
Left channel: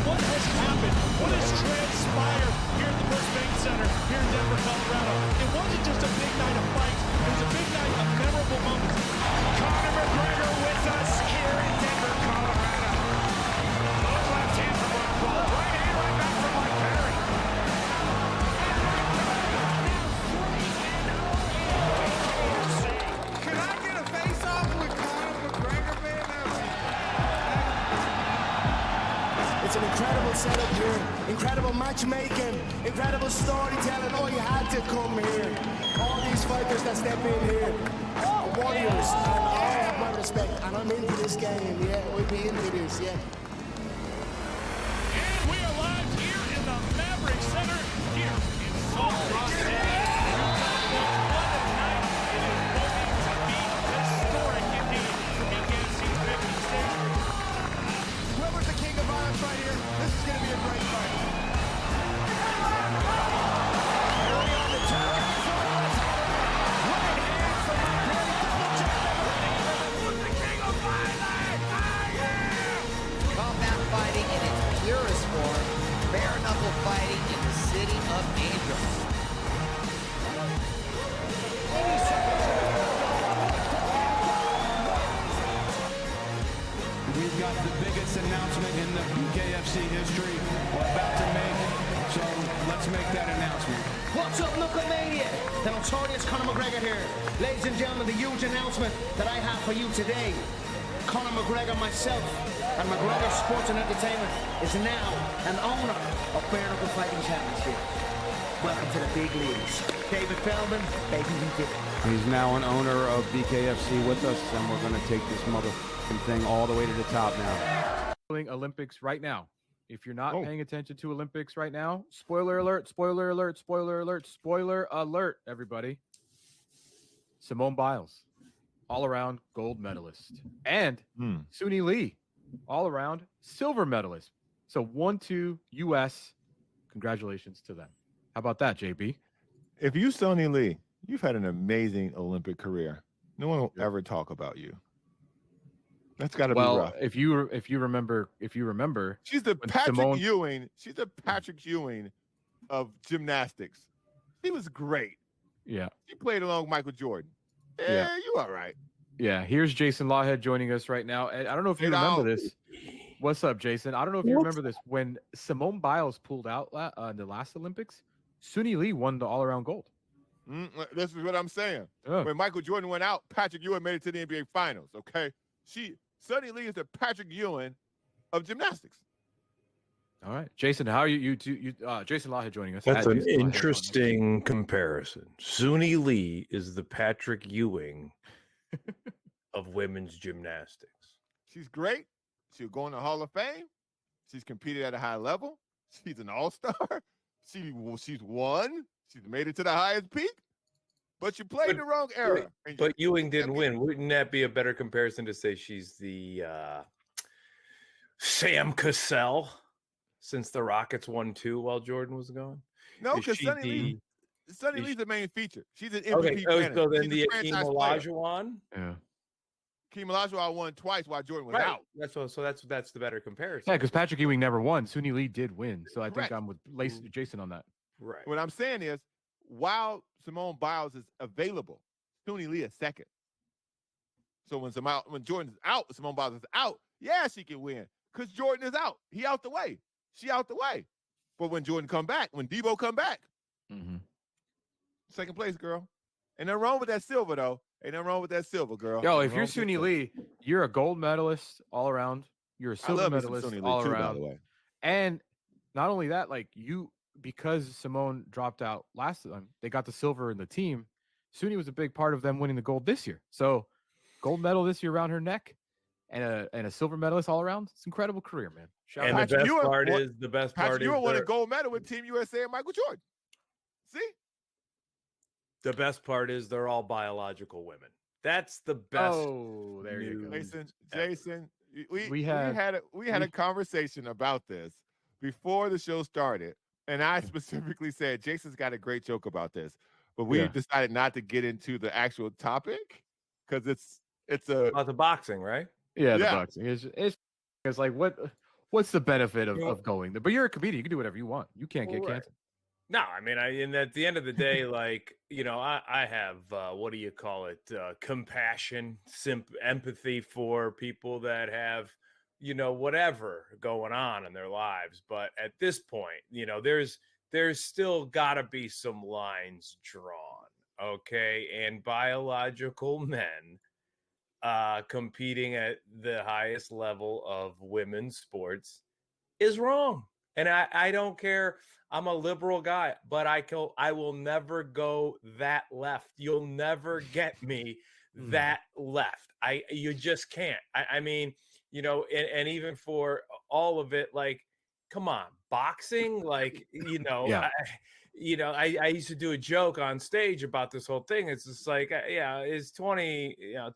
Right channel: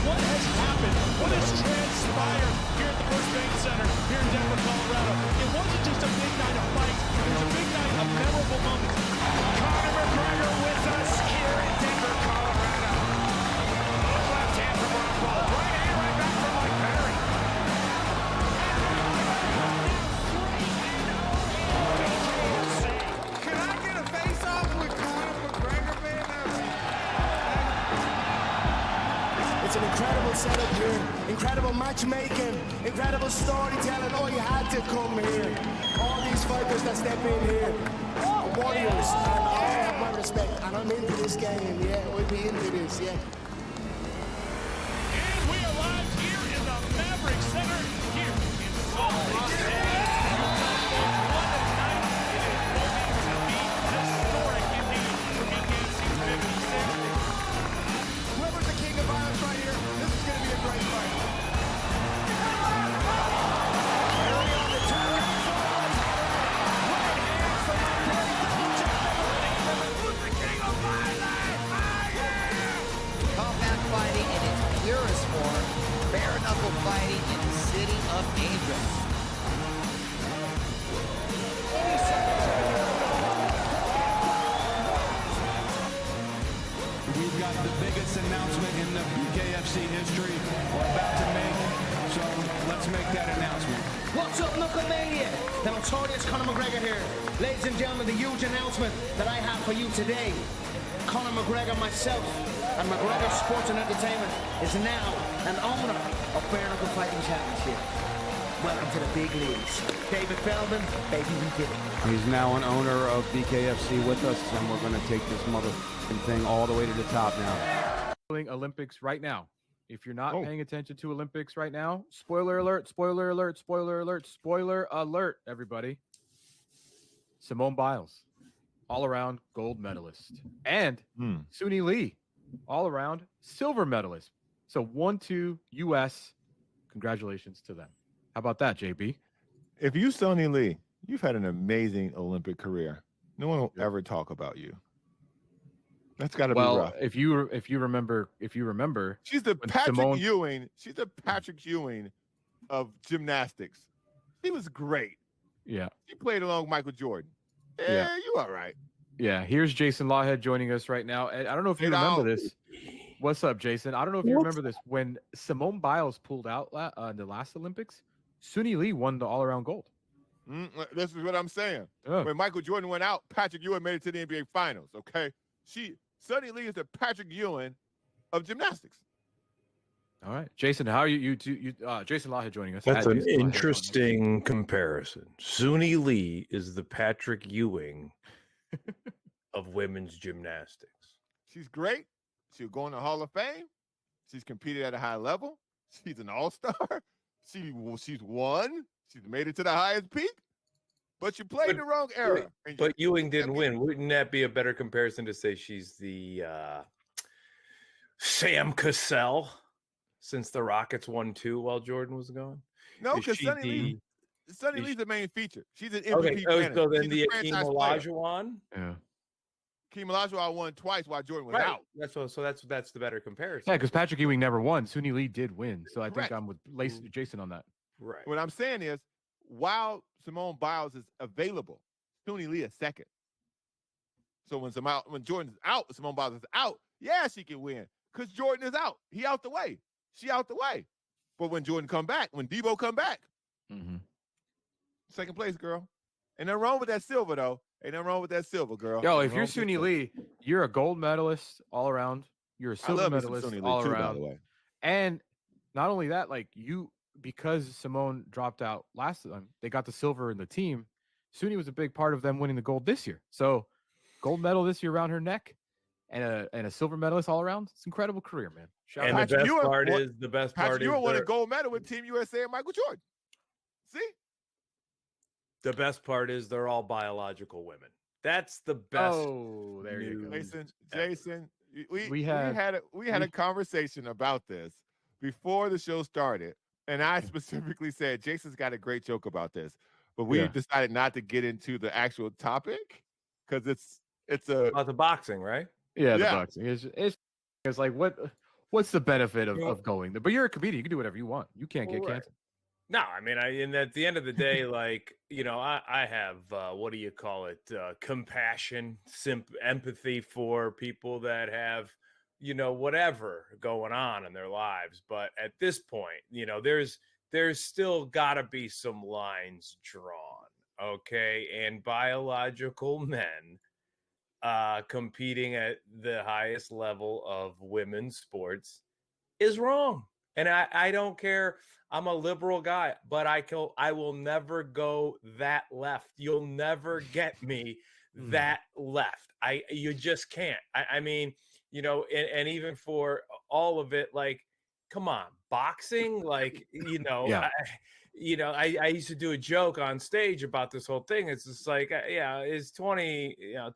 What has happened? What has transpired here at the First Bank Center here in Denver, Colorado? It wasn't just a big night of fights. It was a big night of memorable moments. Conor McGregor with us here in Denver, Colorado. Left hand from Rob Paul. Right hand right back from Mike Perry. Can I get a face-off with Conor McGregor, man? It's an incredible setup here, incredible matchmaking, incredible storytelling. Oh, you had to come here. All these fighters that step in here are warriors, and I have my respect, and I'm into this game, yeah. We'll be into this, yeah. And we are live here in the Maverick Center here in Salt Lake City. What a night. It is going to be historic indeed for BKFC 56. Whoever's the king of violence right here, this is going to be a great fight. Perry on the turn. Right hand from Mike Perry. Double check. Who's the king of violence? I am! Combat fighting in its purest form. Bare knuckle fighting in the city of angels. We've got the biggest announcement in the BKFC history we're about to make, so let's make that announcement. What's up, Knucklemania? The notorious Conor McGregor here. Ladies and gentlemen, the huge announcement that I have for you today. Conor McGregor, myself, and McGregor Sports and Entertainment is now an owner of Bare Knuckle Fighting Championship. Welcome to the big leagues. David Feldman, baby, we did it. He's now an owner of BKFC with us, and we're going to take this motherfucking thing all the way to the top now. Olympics right now if you're not paying attention to Olympics right now, spoiler alert, spoiler alert, spoiler alert, spoiler alert, everybody. Simone Biles, all-around gold medalist. And Suni Lee, all-around silver medalist. So 1-2 U.S. Congratulations to them. How about that, JB? If you Suni Lee, you've had an amazing Olympic career. No one will ever talk about you. That's got to be rough. If you remember, she's the Patrick Ewing. She's the Patrick Ewing of gymnastics. She was great. Yeah. She played along with Michael Jordan. Yeah. You all right. Yeah. Here's Jason Lawhead joining us right now. And I don't know if you remember this. What's up, Jason? I don't know if you remember this. When Simone Biles pulled out in the last Olympics, Suni Lee won the all-around gold. This is what I'm saying. Oh. When Michael Jordan went out, Patrick Ewing made it to the NBA Finals. Okay, Suni Lee is the Patrick Ewing of gymnastics. All right, Jason, how are you? Jason Lawhead joining us. That's an interesting comparison. Suni Lee is the Patrick Ewing of women's gymnastics. She's great. She'll go in the Hall of Fame. She's competed at a high level. She's an all-star. She's won. She's made it to the highest peak. But you played in the wrong era. But Ewing didn't win. Wouldn't that be a better comparison to say she's the Sam Cassell since the Rockets won 2 while Jordan was gone? No, because Suni Lee's the main feature. She's an MVP. Okay, so then She's the a Akeem franchise player. Olajuwon? Yeah. Akeem Olajuwon won twice while Jordan was out. That's the better comparison. Yeah, because Patrick Ewing never won. Suni Lee did win. So I think I'm with Jason on that. Right. What I'm saying is, while Simone Biles is available, Suni Lee is second. So when Jordan is out, Simone Biles is out, yeah, she can win. Because Jordan is out. He out the way. She out the way. But when Jordan come back, when Debo come back, second place, girl. Ain't nothing wrong with that silver, though. Ain't nothing wrong with that silver, girl. Yo, if you're Suni Lee, you're a gold medalist all around. You're a silver medalist all around. By the way. And not only that, like because Simone dropped out last time, they got the silver in the team. Suni was a big part of them winning the gold this year. So gold medal this year around her neck and a silver medalist all around. It's an incredible career, man. And the best part is you won a gold medal with Team USA and Michael Jordan. See? The best part is they're all biological women. That's the best. Oh, there you go. Jason, we had a conversation about this before the show started, and I specifically said Jason's got a great joke about this, but we decided not to get into the actual topic because it's about the boxing, right? Yeah, the boxing. It's like what's the benefit of going there? But you're a comedian. You can do whatever you want. You can't get canceled. No, I mean, and at the end of the day, like, I have, what do you call it? Compassion, empathy for people that have, whatever going on in their lives. But at this point, there's still gotta be some lines drawn. Okay. And biological men, competing at the highest level of women's sports is wrong. And I don't care. I'm a liberal guy, but I will never go that left. You'll never get me that left. You just can't. I mean, and even for all of it, like, come on, boxing, like, I used to do a joke on stage about this whole thing. It's just like, is 20. I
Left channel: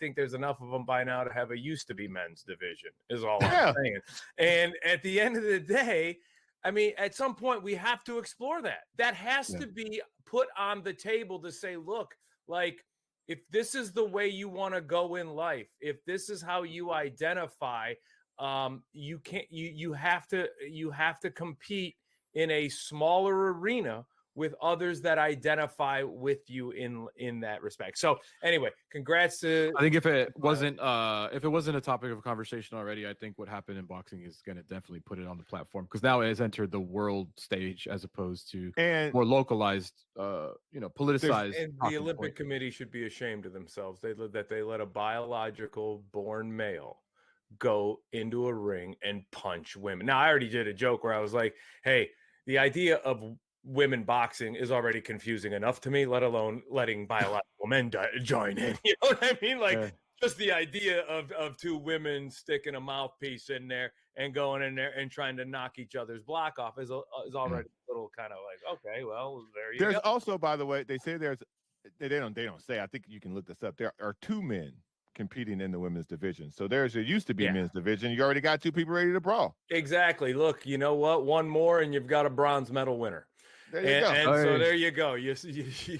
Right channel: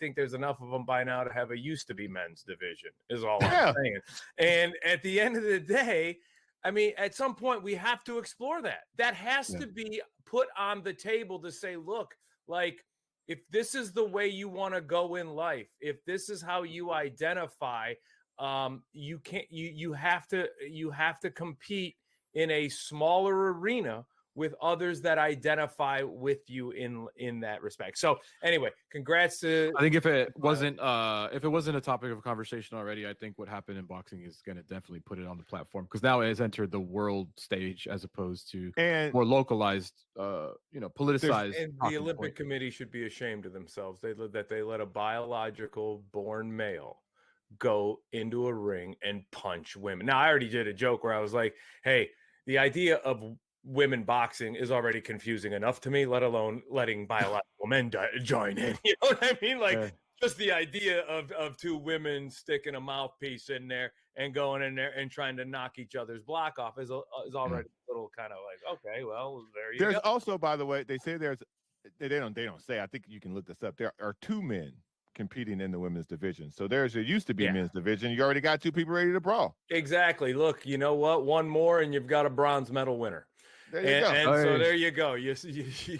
think there's enough of them by now to have a used to be men's division is all I'm saying. And at the end of the day, I mean, at some point we have to explore that. That has to be put on the table to say, look, like, if this is the way you want to go in life, if this is how you identify, you can't. You have to compete in a smaller arena with others that identify with you in that respect. So anyway, congrats to. I think if it wasn't a topic of conversation already, I think what happened in boxing is going to definitely put it on the platform because now it has entered the world stage as opposed to more localized, politicized. And the Olympic Committee should be ashamed of themselves. They let a biological born male go into a ring and punch women. Now I already did a joke where I was like, hey, the idea of women boxing is already confusing enough to me, let alone letting biological men join in. You know what I mean? Like, just the idea of two women sticking a mouthpiece in there and going in there and trying to knock each other's block off is already a little kind of like, okay, well, there you There's go. also, by the way, they say they don't say. I think you can look this up. There are two men competing in the women's division. So there used to be a men's division. You already got two people ready to brawl. Exactly. Look, you know what? One more, and you've got a bronze medal winner. There you go. And so there you go. You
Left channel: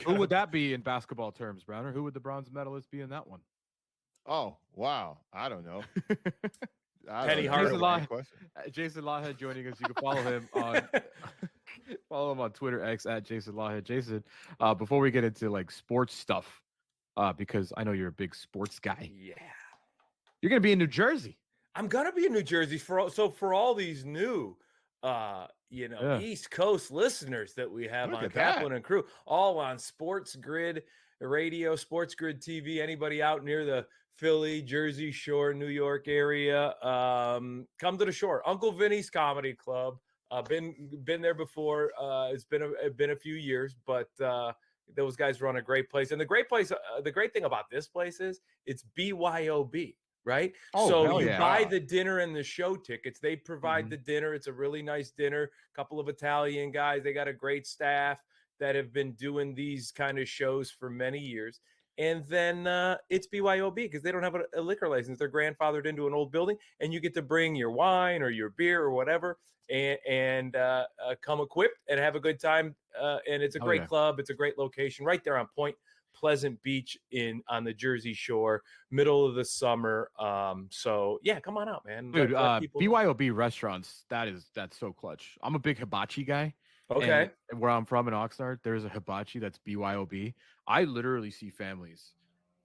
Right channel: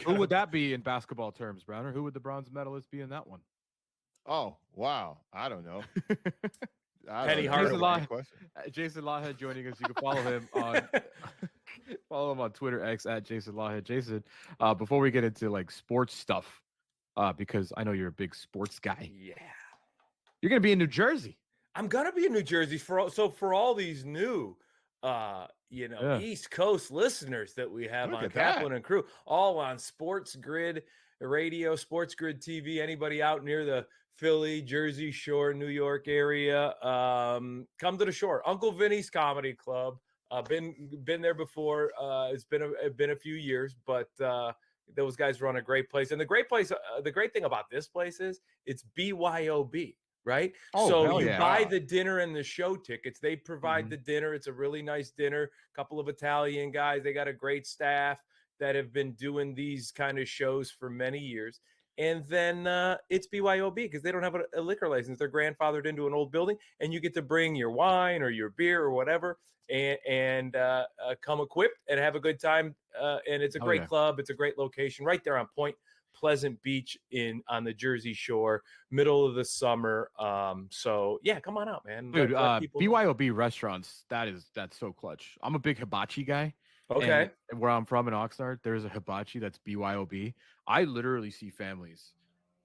Who would that be in basketball terms, Browner? Who would the bronze medalist be in that one? Oh, wow. I don't know. Penny Hardaway. Jason Lawhead joining us. You can follow him on Twitter X at Jason Lawhead. Jason, before we get into like sports stuff, because I know you're a big sports guy. Yeah. You're gonna be in New Jersey. I'm gonna be in New Jersey for all these new East Coast listeners that we have on Kaplan and Crew, all on SportsGrid Radio, SportsGrid TV. Anybody out near the Philly, Jersey Shore, New York area, come to the shore. Uncle Vinny's Comedy Club. Been there before. It's been a few years, but those guys run a great place. And the great thing about this place is it's BYOB. Right. Oh, so you buy the dinner and the show tickets. They provide the dinner. It's a really nice dinner. A couple of Italian guys. They got a great staff that have been doing these kind of shows for many years. And then it's BYOB because they don't have a liquor license. They're grandfathered into an old building, and you get to bring your wine or your beer or whatever and come equipped and have a good time. And it's a great club. It's a great location right there on Point Pleasant Beach on the Jersey Shore, middle of the summer. So yeah, come on out, man. Dude, BYOB restaurants, that's so clutch. I'm a big hibachi guy. Okay. And where I'm from in Oxnard, there's a hibachi that's BYOB. I literally see families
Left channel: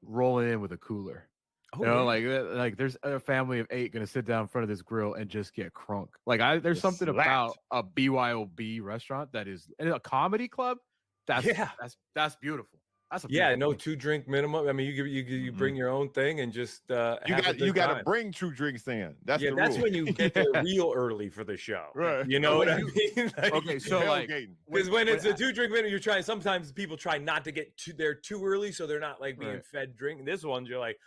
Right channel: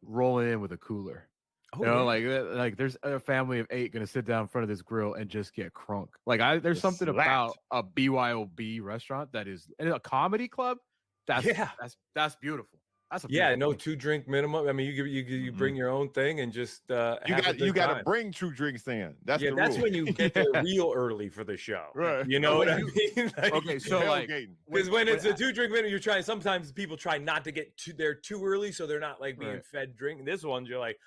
rolling in with a cooler. Oh, you know, like there's a family of 8 gonna sit down in front of this grill and just get crunk. Like there's something about a BYOB restaurant that is in a comedy club. That's beautiful. That's no 2-drink minimum. I mean, you bring your own thing and just you got to bring 2 drinks in. That's the that's rule. when you get there real early for the show. Right. You know what I mean? Okay, so because when it's a 2-drink minimum, you're trying. Sometimes people try not to get there too early, so they're not like being fed drink. This one, you're like,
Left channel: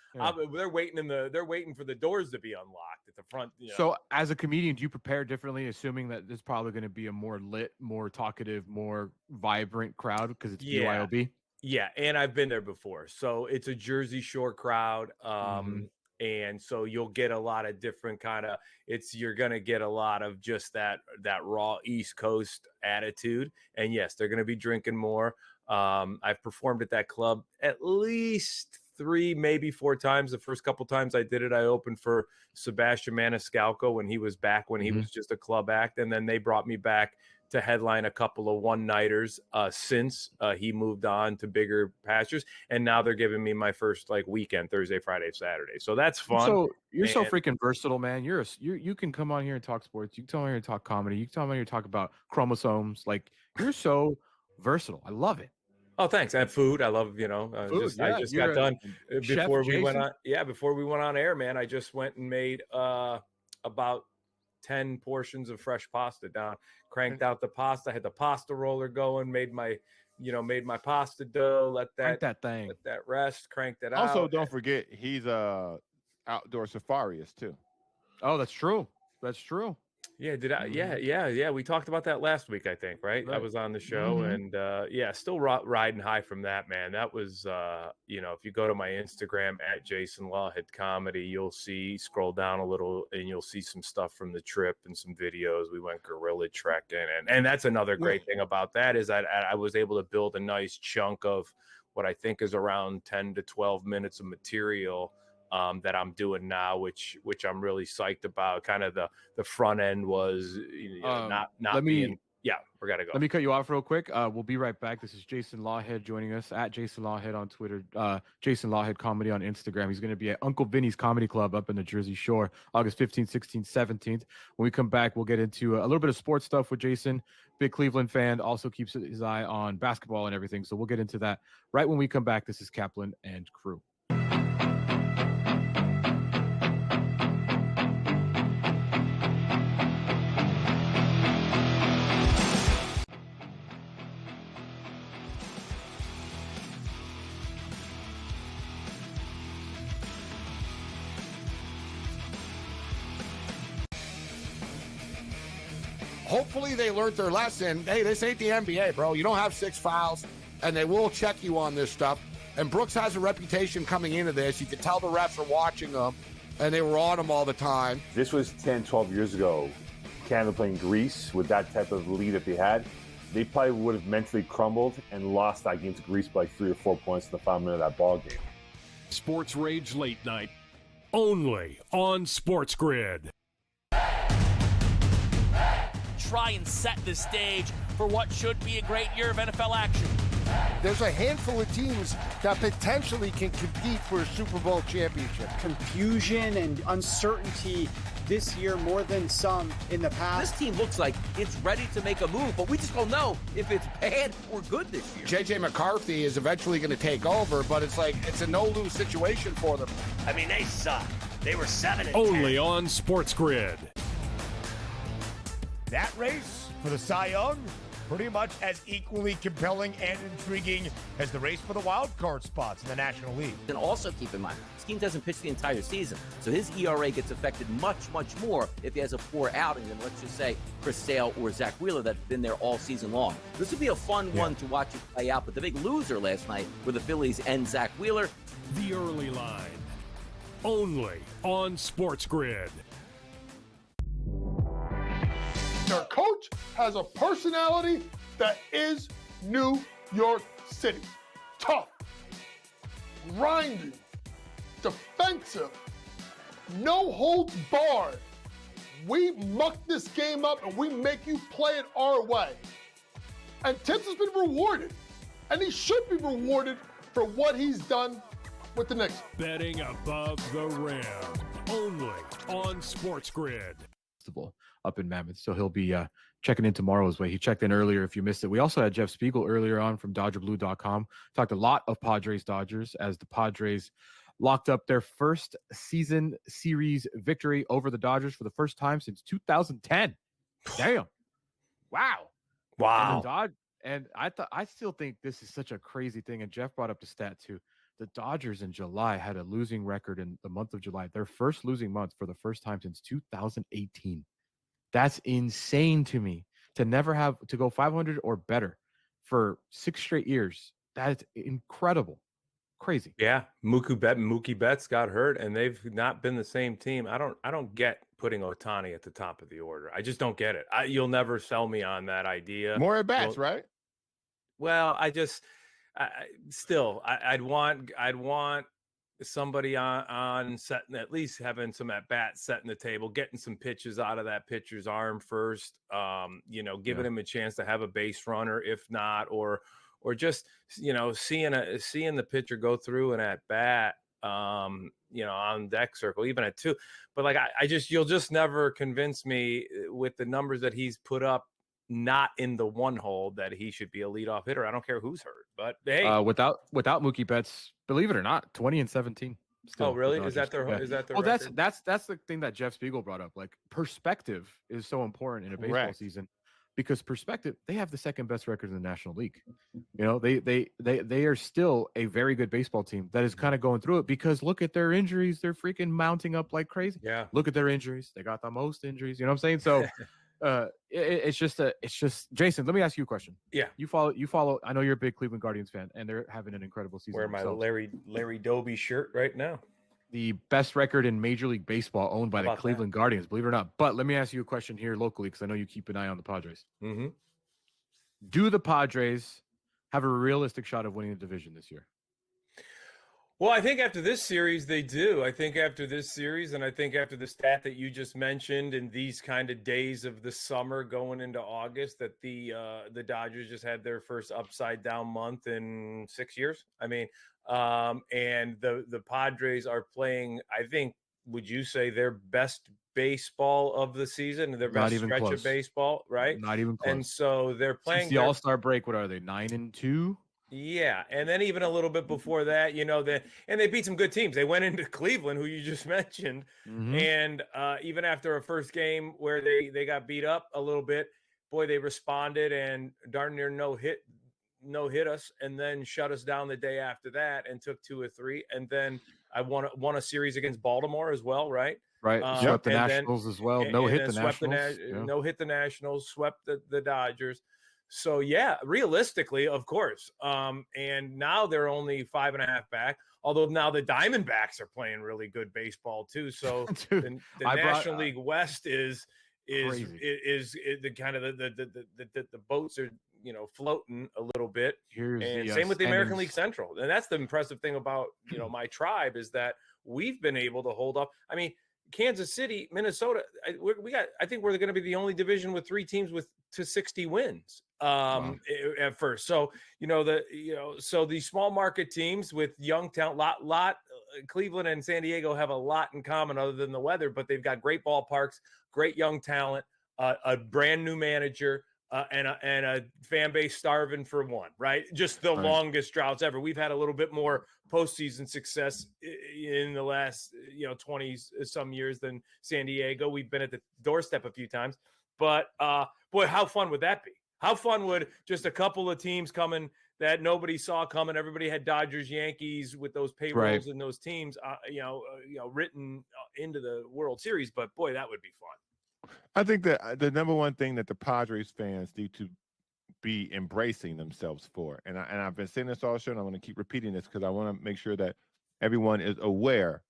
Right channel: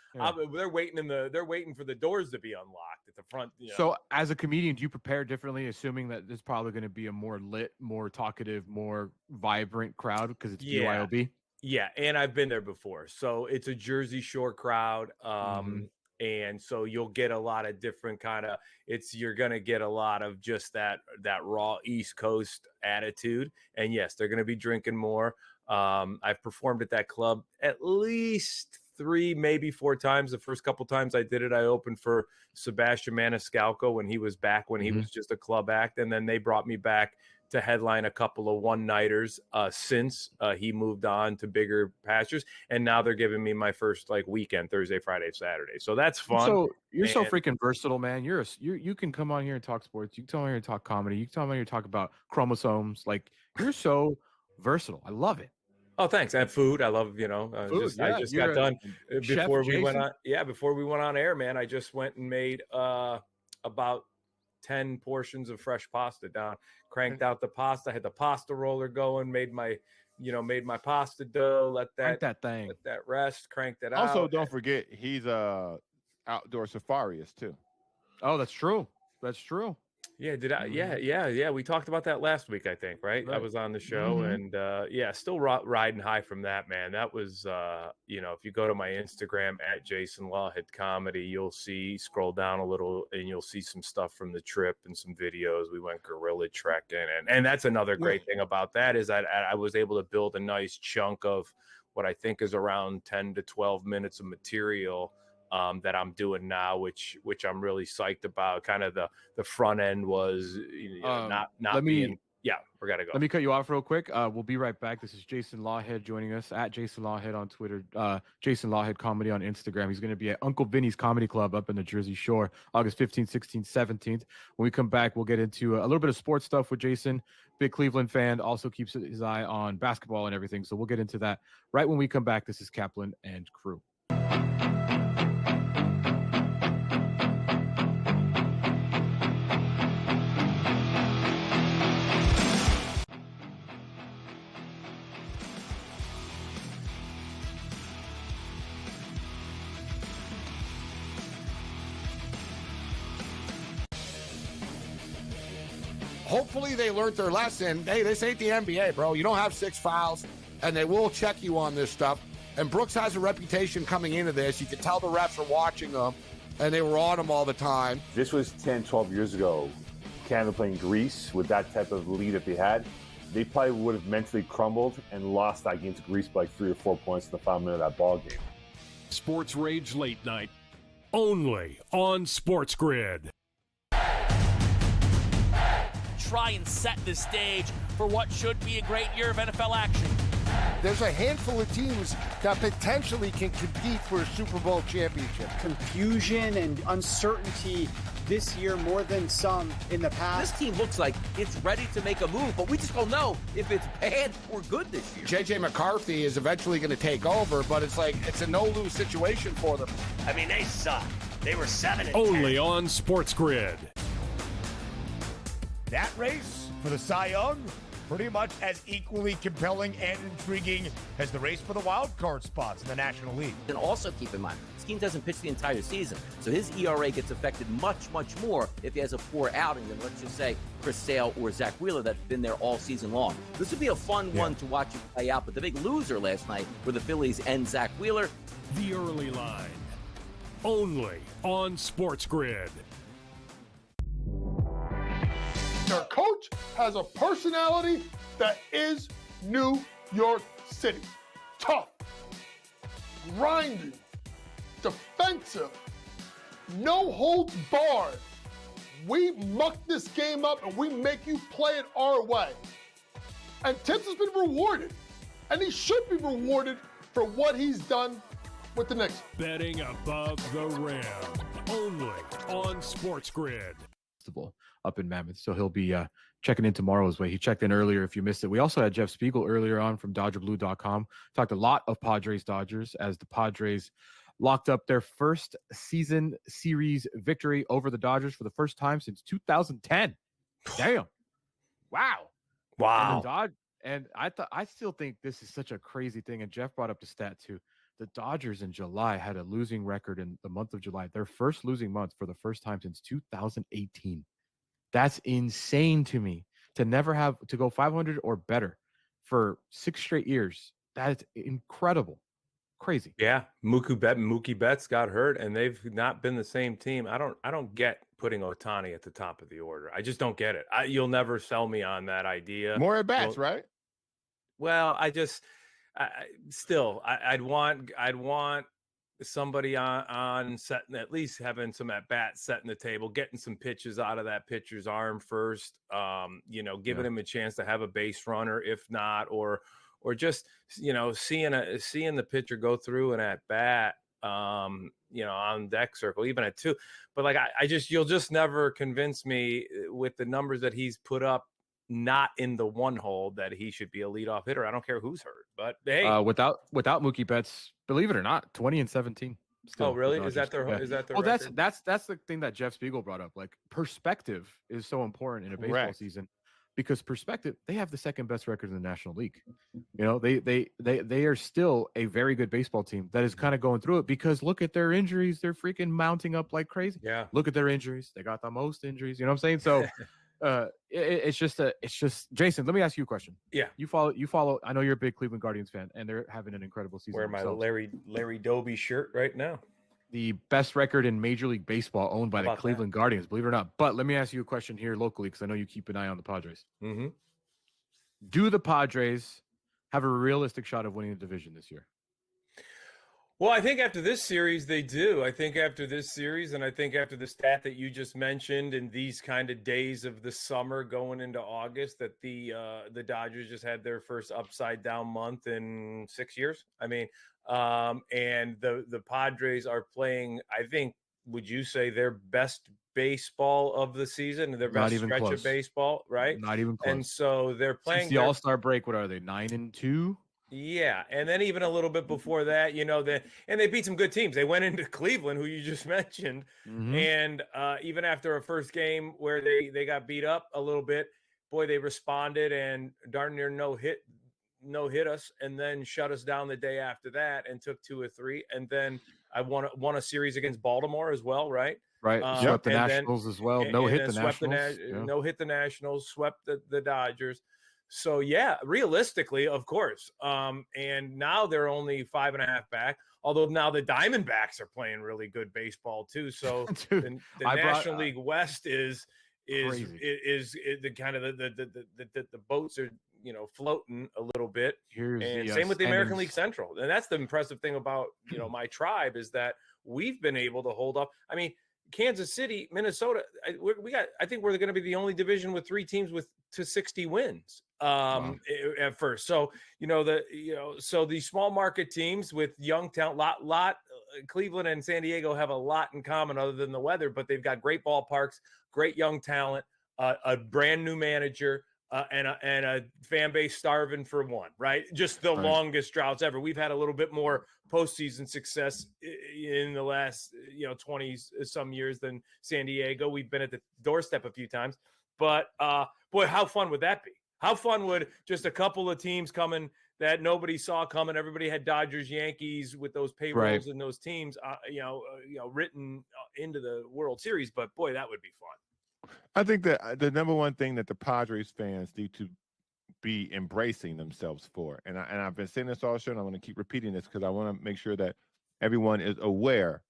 they're waiting for the doors to be unlocked at the front. You know? So, as a comedian, do you prepare differently, assuming that there's probably going to be a more lit, more talkative, more vibrant crowd because it's BYOB? Yeah, and I've been there before. So it's a Jersey Shore crowd. And so you'll get a lot of different you're going to get a lot of just that raw East Coast attitude. And yes, they're going to be drinking more. I've performed at that club at least 3, maybe 4 times. The first couple times I did it, I opened for Sebastian Maniscalco when he was back, when he was just a club act. And then they brought me back to headline a couple of one-nighters since he moved on to bigger pastures, and now they're giving me my first weekend, Thursday, Friday, Saturday. So that's fun. So you're so freaking versatile, man. You can come on here and talk sports. You can come on here and talk comedy. You can come on here and talk about chromosomes. Like, you're so versatile. I love it. Oh, thanks. And food. I love, food, I just got done before we went on. Yeah, before we went on air, man. I just went and made about 10 portions of fresh pasta down, cranked out the pasta, had the pasta roller going, made my pasta dough, let that rest, cranked it out. Also, don't forget, he's outdoor safariist too. Oh, that's true. That's true. Yeah, yeah. We talked about that last week, I think, right? I was on the show, and still riding high from that, man. That was, if you go to my Instagram at Jason Lawhead Comedy, you'll scroll down a little, and you'll see some stuff from the trip and some videos. We went gorilla trekking, and that's another great thing about that is I was able to build a nice chunk of what I think is around 10 to 12 minutes of material that I'm doing now, which I'm really psyched about. Kind of the front end was not we gotta go. Let me cut you off real quick. We'll be right back. This is Jason Lawhead joining us at Jason Lawhead on Twitter, Jason Lawhead Comedy on Instagram. He's going to be at Uncle Vinny's Comedy Club up in the Jersey Shore, August 15th, 16th, 17th. When we come back, we'll get into a little bit of sports stuff with Jason. Big Cleveland fan, also keeps his eye on basketball and everything. So we'll get into that right when we come back. This is Kaplan and Crew. hopefully they learned their lesson. Hey, this ain't the NBA, bro. You don't have 6 fouls, and they will check you on this stuff. And Brooks has a reputation coming into this. You can tell the refs are watching him, and they were on him all the time. This was 10, 12 years ago. Canada playing Greece with that type of lead that they had. They probably would have mentally crumbled and lost that game to Greece by 3 or 4 points in the final minute of that ball game. Sports Rage Late Night, only on SportsGrid. Try and set the stage for what should be a great year of NFL action. There's a handful of teams that potentially can compete for a Super Bowl championship. Confusion and uncertainty this year more than some in the past. This team looks like it's ready to make a move, but we just don't know if it's bad or good this year. J.J. McCarthy is eventually going to take over, but it's like it's a no-lose situation for them. I mean, they suck. They were 7-10. Only on SportsGrid. That race for the Cy Young, pretty much as equally compelling and intriguing as the race for the wild card spots in the National League. And also keep in mind, this team doesn't pitch the entire season, so his ERA gets affected much, much more if he has a poor outing than, let's just say, Chris Sale or Zach Wheeler that's been there all season long. This would be a fun one to watch it play out, but the big loser last night were the Phillies and Zach Wheeler. The Early Line, only on SportsGrid. Their coach has a personality that is New York City. Tough, grinding, defensive, no holds barred. We muck this game up and we make you play it our way. And Tibbs has been rewarded, and he should be rewarded for what he's done with the Knicks. Betting above the rim, only on SportsGrid. Up in Mammoth, so he'll be checking in tomorrow as well. He checked in earlier if you missed it. We also had Jeff Spiegel earlier on from DodgerBlue.com. Talked a lot of Padres-Dodgers as the Padres locked up their first season series victory over the Dodgers for the first time since 2010. Damn. Wow. And I still think this is such a crazy thing. And Jeff brought up the stat too. The Dodgers in July had a losing record in the month of July, their first losing month for the first time since 2018. That's insane to me to never have to go 500 or better for 6 straight years. That is incredible. Crazy. Yeah. Mookie Betts got hurt and they've not been the same team. I don't get putting Ohtani at the top of the order. I just don't get it. You'll never sell me on that idea. More at bats, right? Well, I'd want somebody on setting, at least having some at bats, setting the table, getting some pitches out of that pitcher's arm first, giving him a chance to have a base runner, if not, or just, seeing the pitcher go through an at bat, on deck circle, even at 2. But you'll just never convince me with the numbers that he's put up, not in the one hole, that he should be a leadoff hitter. I don't care who's hurt, but hey, without Mookie Betts, believe it or not, 20-17. Oh, really? Is that their record? That's the thing that Jeff Spiegel brought up. Like, perspective is so important in a baseball season, because perspective, they have the second best record in the National League. They are still a very good baseball team that is kind of going through it, because look at their injuries. They're freaking mounting up like crazy. Yeah. Look at their injuries. They got the most injuries. You know what I'm saying? So it's just Jason, let me ask you a question. Yeah. You follow, I know you're a big Cleveland Guardians fan, and they're having an incredible season. Wear my Larry Doby shirt right now. The best record in Major League Baseball, owned by the Cleveland Guardians, believe it or not. But let me ask you a question here locally, because I know you keep an eye on the Padres. Mm-hmm. Do the Padres have a realistic shot of winning the division this year? Well, I think after this series, they do. I think after this series, and I think after the stat that you just mentioned, in these kind of days of the summer going into August, that the Dodgers just had their first upside down month in 6 years. I mean, and the Padres are playing, I think, would you say, their best baseball of the season, their best stretch of baseball, right? Not even close. And so they're playing since the All-Star break. What are they, 9-2? Yeah, and then even a little bit before that, and they beat some good teams. They went into Cleveland, who you just mentioned, and even after a first game where they got beat up a little bit, boy, they responded and darn near no hit us, and then shut us down the day after that and took 2 or 3, and then I won a series against Baltimore as well, right? Right. Swept the and then- Nationals as well. and No hit then the swept Nationals. Yeah. no hit the Nationals, swept the Dodgers. So yeah, realistically, of course. And now they're only 5.5 back. Although now the Diamondbacks are playing really good baseball too. So Dude, the I National League West is Crazy. the kind of the boats are floating a little bit. Here's And the same with the American standings. League Central. And that's the impressive thing about my tribe is that we've been able to hold up. I mean, Kansas City, Minnesota. I think we're going to be the only division with 3 teams to 60 wins at first. So so these small market teams with young talent, Cleveland and San Diego have a lot in common other than the weather, but they've got great ballparks, great young talent, a brand new manager. And a fan base starving for one, right? Just the longest droughts ever. We've had a little bit more postseason success in the last 20 some years than San Diego. We've been at the doorstep a few times, but boy, how fun would that be? How fun would just a couple of teams coming that nobody saw coming? Everybody had Dodgers, Yankees with those payrolls and those teams, written into the World Series. But boy, that would be fun. I think that the number one thing that the Padres fans need to be embracing themselves for, and I've been saying this all show, and I want to keep repeating this because I want to make sure that everyone is aware.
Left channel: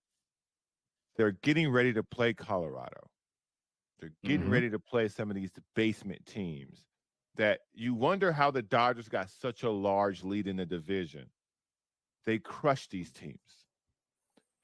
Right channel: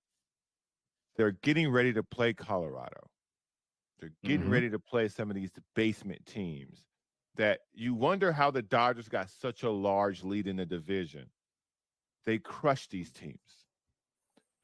They're getting ready to play Colorado. They're getting ready to play some of these basement teams that you wonder how the Dodgers got such a large lead in the division. They crushed these teams.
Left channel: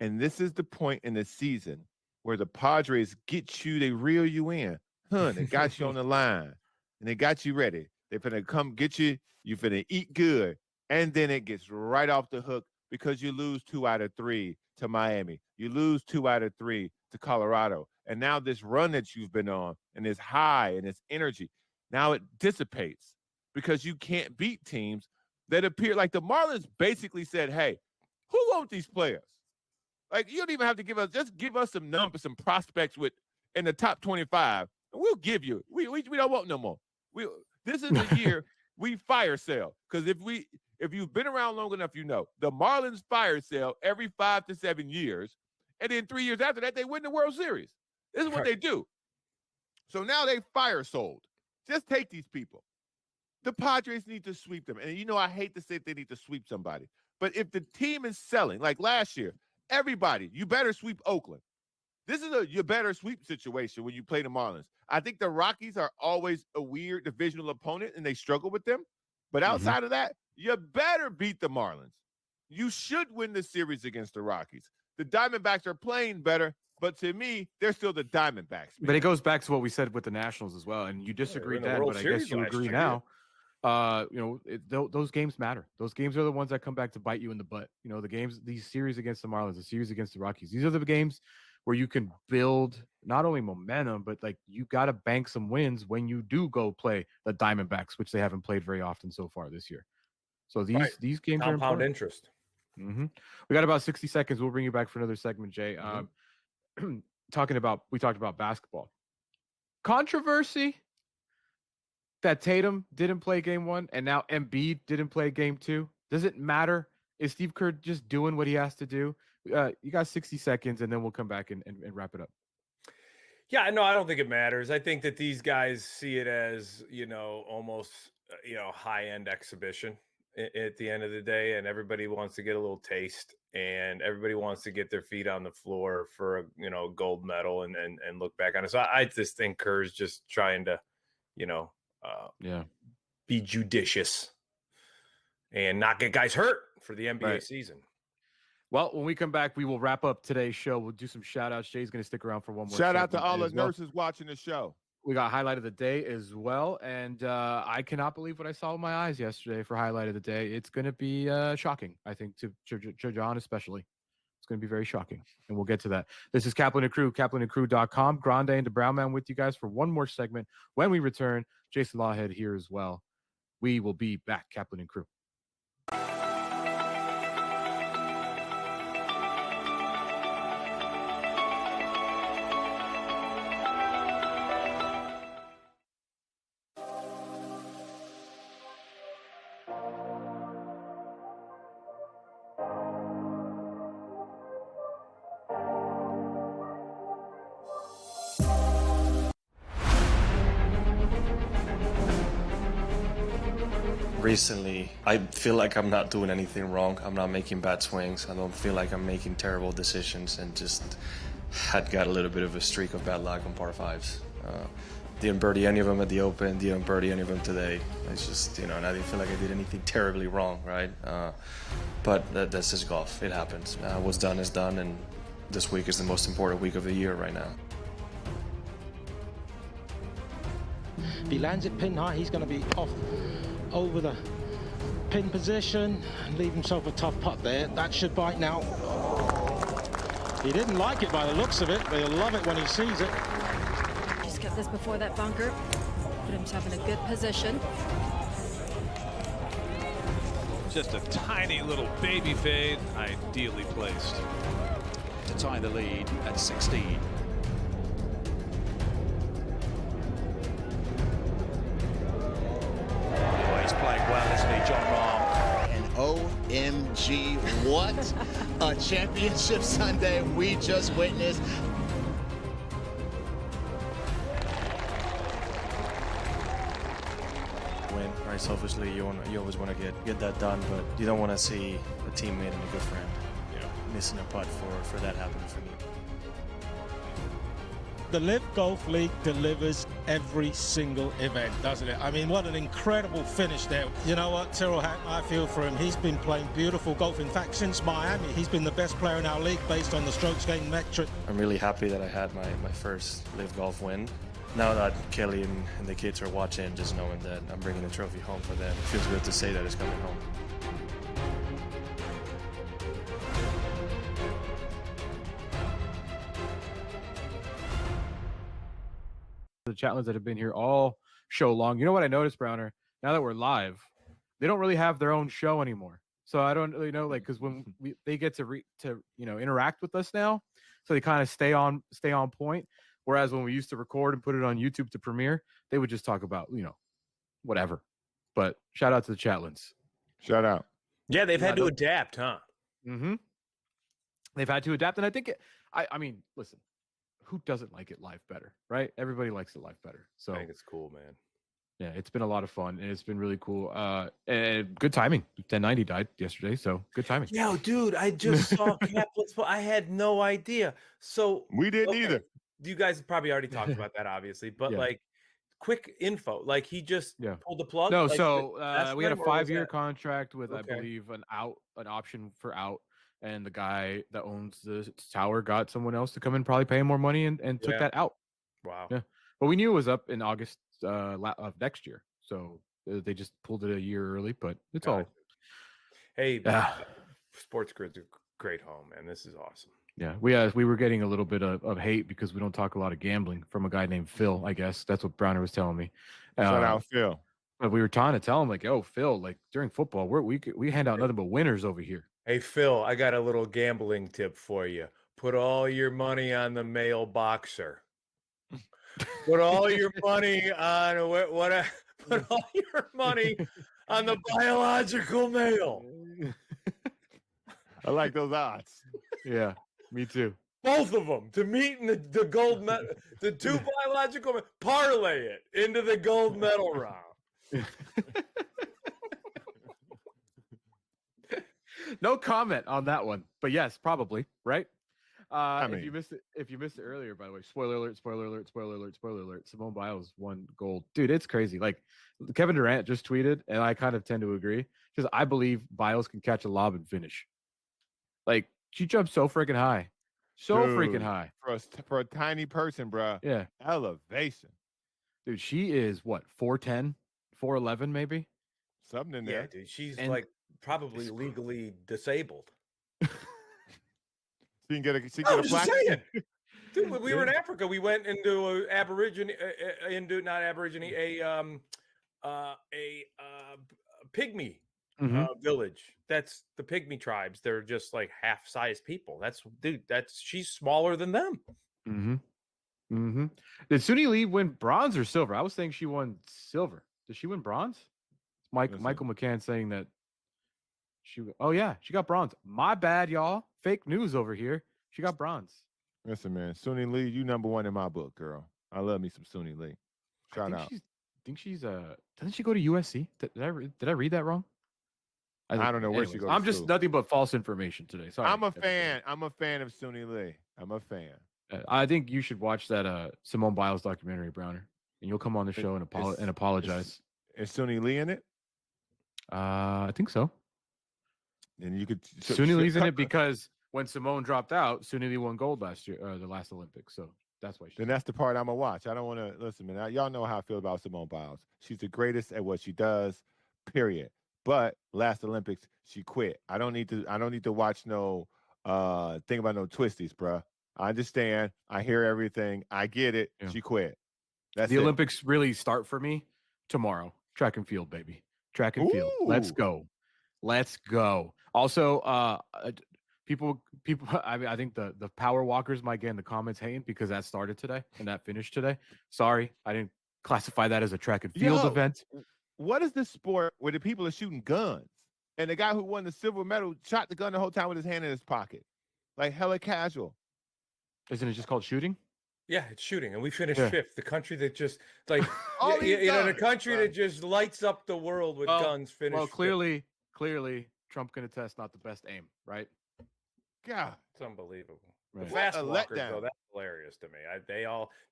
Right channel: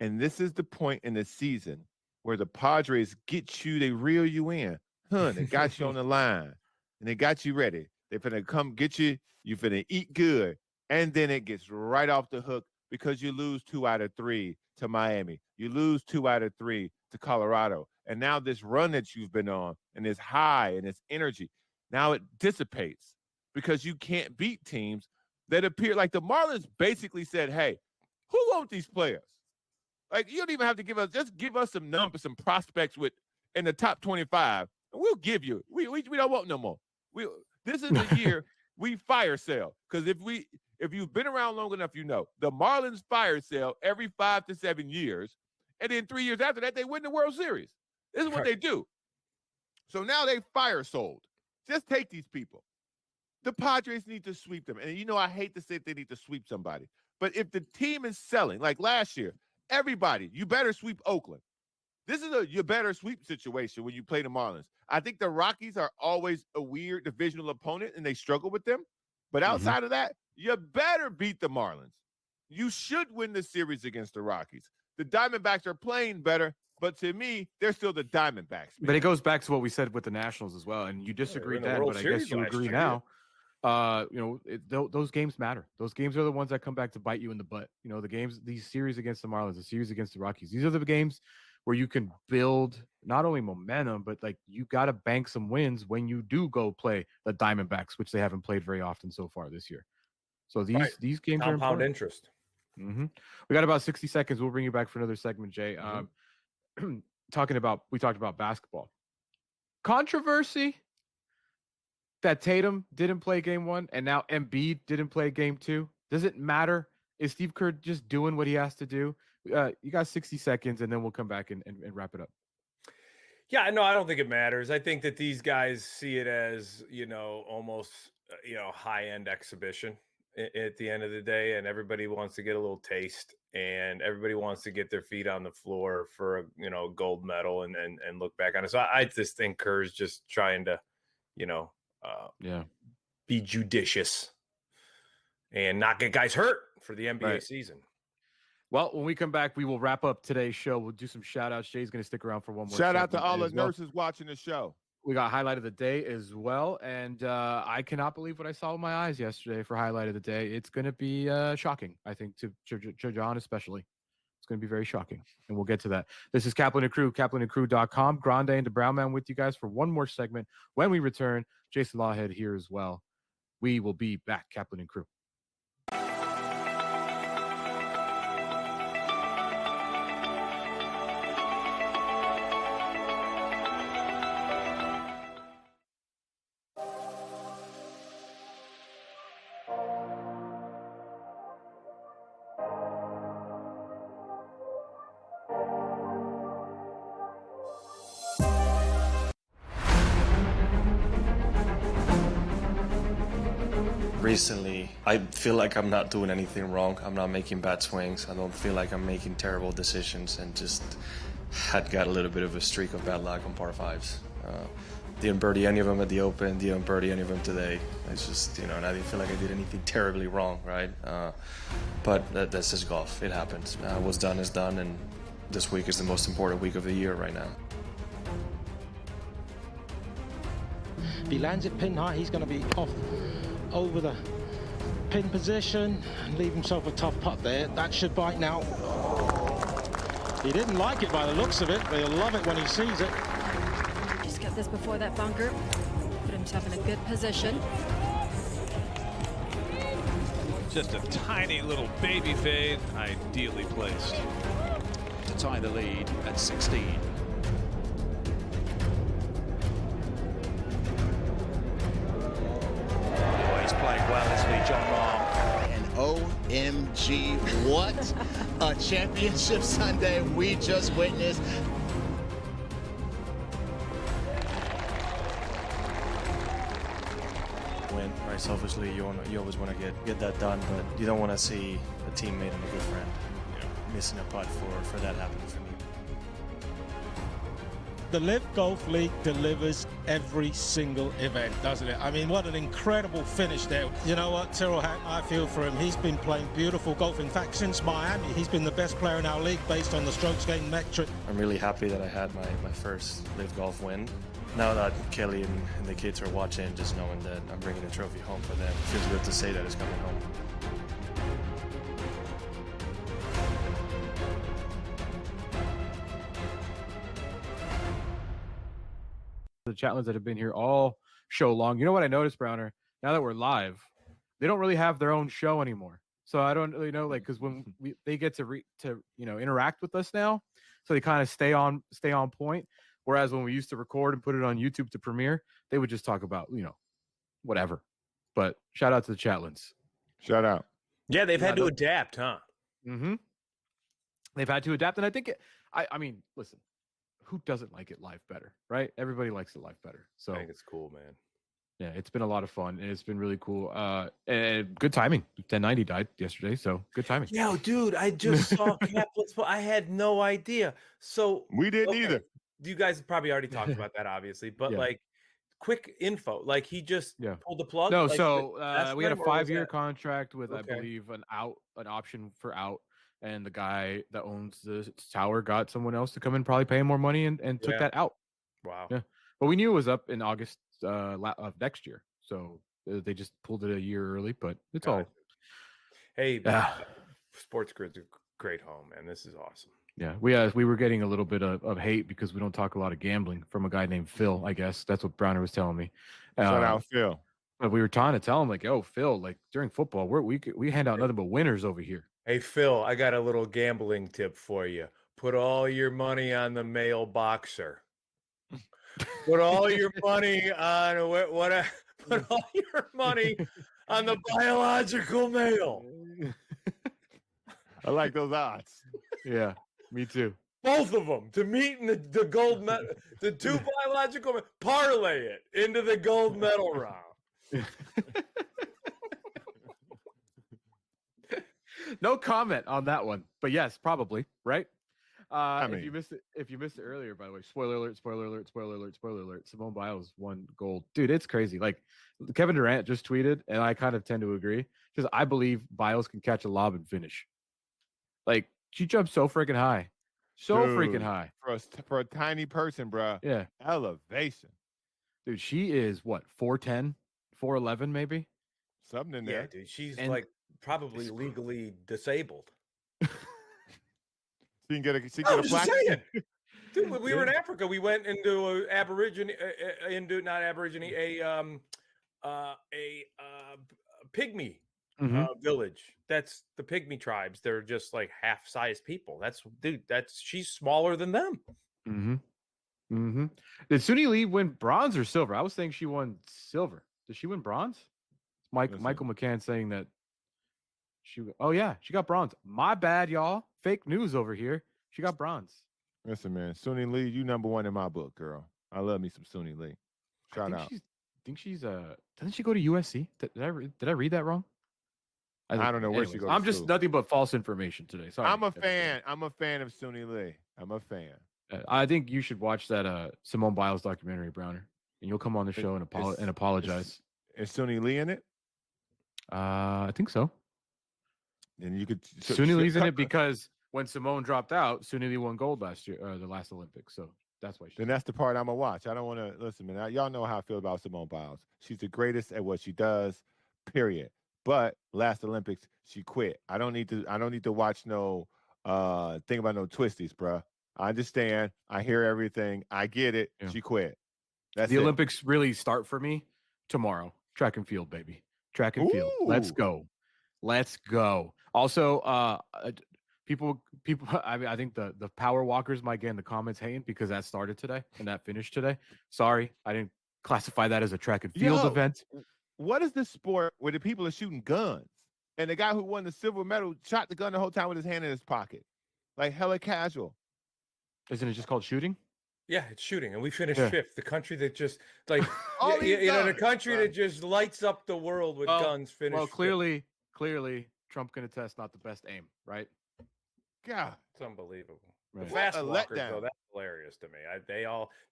And this is the point in the season where the Padres get you, they reel you in. They got you on the line, and they got you ready. They're finna come get you. You finna eat good. And then it gets right off the hook because you lose 2 out of 3 to Miami. You lose 2 out of 3 to Colorado. And now this run that you've been on and this high and this energy, now it dissipates because you can't beat teams that appear like the Marlins basically said, hey, who wants these players? Like, you don't even have to just give us some numbers, some prospects in the top 25, and we'll give you. We don't want no more. This is the year we fire sale. Because if you've been around long enough, the Marlins fire sale every 5 to 7 years, and then 3 years after that, they win the World Series. This is what they do. So now they fire sold. Just take these people. The Padres need to sweep them. And I hate to say if they need to sweep somebody, but if the team is selling, like last year, everybody, you better sweep Oakland. This is you better sweep situation when you play the Marlins. I think the Rockies are always a weird divisional opponent, and they struggle with them. But outside of that, you better beat the Marlins. You should win the series against the Rockies. The Diamondbacks are playing better, but to me, they're still the Diamondbacks. Man. But it goes back to what we said with the Nationals as well, and you disagreed then, but I guess you agree now. Those games matter. Those games are the ones that come back to bite you in the butt. These series against the Marlins, the series against the Rockies, these are the games where you can build not only momentum, but like you got to bank some wins when you do go play the Diamondbacks, which they haven't played very often so far this year. So these games are compound important. interest. We got about 60 seconds. We'll bring you back for another segment, Jay. We talked about basketball controversy that Tatum didn't play game 1 and now Embiid didn't play game 2. Does it matter? Is Steve Kerr just doing what he has to do? You got 60 seconds, and then we'll come back and wrap it up. Yeah, no, I don't think it matters. I think that these guys see it as, almost, high-end exhibition at the end of the day, and everybody wants to get a little taste, and everybody wants to get their feet on the floor for a gold medal and look back on it. So I just think Kerr's just trying to, be judicious and not get guys hurt for the NBA season. Well, when we come back, we will wrap up today's show. We'll do some shout outs. Jay's going to stick around for one more. Shout out to all the nurses watching the show. We got highlight of the day as well. And I cannot believe what I saw with my eyes yesterday for highlight of the day. It's going to be shocking, I think, to John especially. It's going to be very shocking. And we'll get to that. This is Kaplan and Crew, kaplanandcrew.com. Grande and the Brown Man with you guys for one more segment. When we return, Jason Lawhead here as well. We will be back, Kaplan and Crew. recently, I feel like I'm not doing anything wrong. I'm not making bad swings. I don't feel like I'm making terrible decisions, and just had got a little bit of a streak of bad luck on par fives. Didn't birdie any of them at the Open, didn't birdie any of them today. It's just, and I didn't feel like I did anything terribly wrong, right? But that's just golf. It happens. What's done is done, and this week is the most important week of the year right now. If he lands it pin high, he's going to be off over the pin position and leave himself a tough putt there. That should bite now. He didn't like it by the looks of it, but he'll love it when he sees it. Just get this before that bunker. Put himself in a good position. Just a tiny little baby fade, ideally placed. To tie the lead at 16. Playing well, isn't he, John Rahm? And OMG, what a championship Sunday we just witnessed. Win, right? Selfishly, you always want to get that done, but you don't want to see a teammate and a good friend, missing a putt for that happening for me. The Live Golf League delivers every single event, doesn't it? I mean, what an incredible finish there. You know what, Tyrrell Hatton, I feel for him. He's been playing beautiful golf. In fact, since Miami, he's been the best player in our league based on the strokes gained metric. I'm really happy that I had my first Live Golf win. Now that Kelly and the kids are watching, just knowing that I'm bringing a trophy home for them, it feels good to say that it's coming home. The chatlins that have been here all show long. You know what I noticed, Browner? Now that we're live, they don't really have their own show anymore. So I don't really know, like, because when they get to interact with us now, so they kind of stay on point. Whereas when we used to record and put it on YouTube to premiere, they would just talk about whatever. But shout out to the chatlins. Shout out. Yeah, they've had to adapt, huh? Mm-hmm. They've had to adapt, and I think I mean, listen. Who doesn't like it live better, right? Everybody likes it live better. So I think it's cool, man. Yeah, it's been a lot of fun, and it's been really cool. And good timing. 1090 died yesterday, so good timing. Yo, dude, I just saw Kaplan's. I had no idea. So we didn't either. You guys probably already talked about that, obviously, but like, quick info. Like, he just pulled the plug. No, like, so we had a 5-year contract with, I believe, an option for out. And the guy that owns the tower got someone else to come in, probably pay him more money, and took that out. Wow. Yeah. But we knew it was up in August of next year. So they just pulled it a year early, but it's all. Hey, SportsGrid's a great home, man. This is awesome. Yeah. We were getting a little bit of hate because we don't talk a lot of gambling from a guy named Phil, I guess. That's what Browner was telling me. Shout out Phil. But we were trying to tell him, like, yo, Phil, like, during football, we hand out nothing but winners over here. Hey, Phil, I got a little gambling tip for you. Put all your money on the male boxer. Put all your money on put all your money on the biological male. I like those odds. Yeah, me too. Both of them to meet in the gold medal. The two biological parlay it into the gold medal round. No comment on that one, but yes, probably right. mean, if you missed it earlier, by the way, spoiler alert. Simone Biles won gold, dude. It's crazy. Like Kevin Durant just tweeted, and I kind of tend to agree because I believe Biles can catch a lob and finish. Like she jumped so freaking high, freaking high for a tiny person, bro. Yeah, elevation, dude. She is what 4'10", 4'11", maybe something in there. Yeah, dude. She's like probably legally disabled. She can get a plaque. Dude, we were in Africa. We went into a pygmy village. That's the pygmy tribes. They're just like half-sized people. She's smaller than them. Mm-hmm. Did Suni Lee win bronze or silver? I was saying she won silver. Did she win bronze? Michael McCann saying that she got bronze. My bad, y'all. Fake news over here. She got bronze. Listen, man, Suni Lee, you number one in my book, girl. I love me some Suni Lee. Shout out. She's think she's doesn't she go to USC? Did I read that wrong? I don't know where she goes. I'm just nothing but false information today. Sorry. I'm a fan. I'm a fan of Suni Lee. I'm a fan. I think you should watch that Simone Biles documentary, Browner, and you'll come on the show and apologize. Is Suni Lee in it? I think so. And you could Suni Lee's in it because when Simone dropped out, Suni Lee won gold last year, the last Olympics. So that's why. Then that's the part I'm gonna watch. I don't want to listen, man. Y'all know how I feel about Simone Biles. She's the greatest at what she does. Period. But last Olympics, she quit. I don't need to watch no thing about no twisties, bruh. I understand. I hear everything. I get it. Yeah. She quit. That's the Olympics really start for me tomorrow. Track and field, baby. Track and field. Let's go. Let's go. Also, people. I think the power walkers might get in the comments hating because that started today and that finished today. Sorry, I didn't classify that as a track and field event. What is this sport where the people are shooting guns and the guy who won the silver medal shot the gun the whole time with his hand in his pocket, like hella casual? Isn't it just called shooting? Yeah, it's shooting, and we finished fifth. The country that just like the country that just lights up the world with guns. Finished. Well, clearly, Trump can attest not the best aim, right? God, it's unbelievable. Right. The fast walkers, though, that's hilarious to me.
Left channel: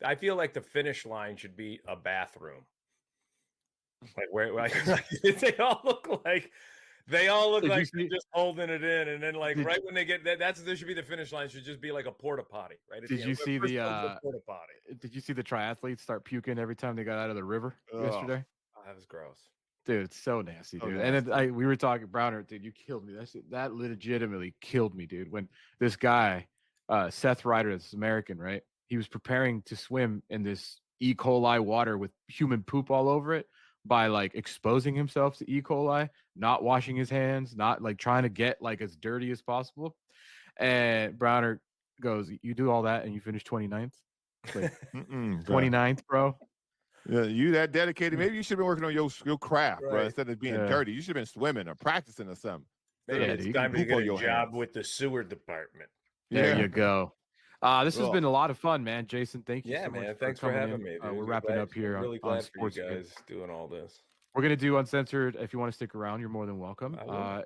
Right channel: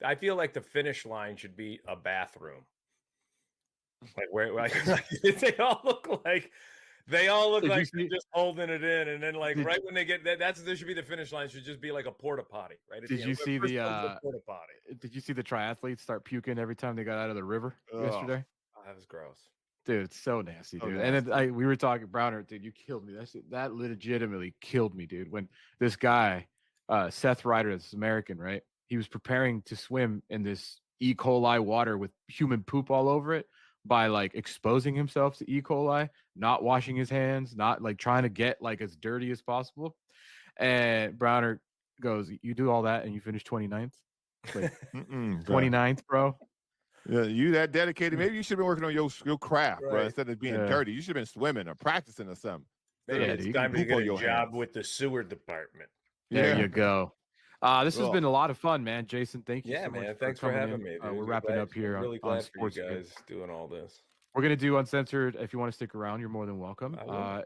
I feel like the finish line should be a bathroom. Like they all look like they're just holding it in, and then right when they get there should be the finish line. Should just be like a porta potty, right? Did you see the porta potty? Did you see the triathletes start puking every time they got out of the river yesterday? Oh, that was gross, dude. It's so nasty, dude. And then we were talking, Browner, dude. You killed me. That legitimately killed me, dude. When this guy, Seth Ryder, this American, right? He was preparing to swim in this E. coli water with human poop all over it. By exposing himself to E. coli, not washing his hands, not trying to get as dirty as possible. And Browner goes, "You do all that and you finish 29th? 29th, bro. Yeah, you that dedicated. Maybe you should have been working on your craft, bro, instead of being dirty. You should have been swimming or practicing or something. Maybe it's time to get a job with the sewer department. There you go. This has been a lot of fun, man. Jason, thank you. Yeah, so man. Thanks for having me. We're wrapping up here. I'm really glad for SportsGrid. you guys doing all this. We're going to do Uncensored. If you want to stick around, you're more than welcome.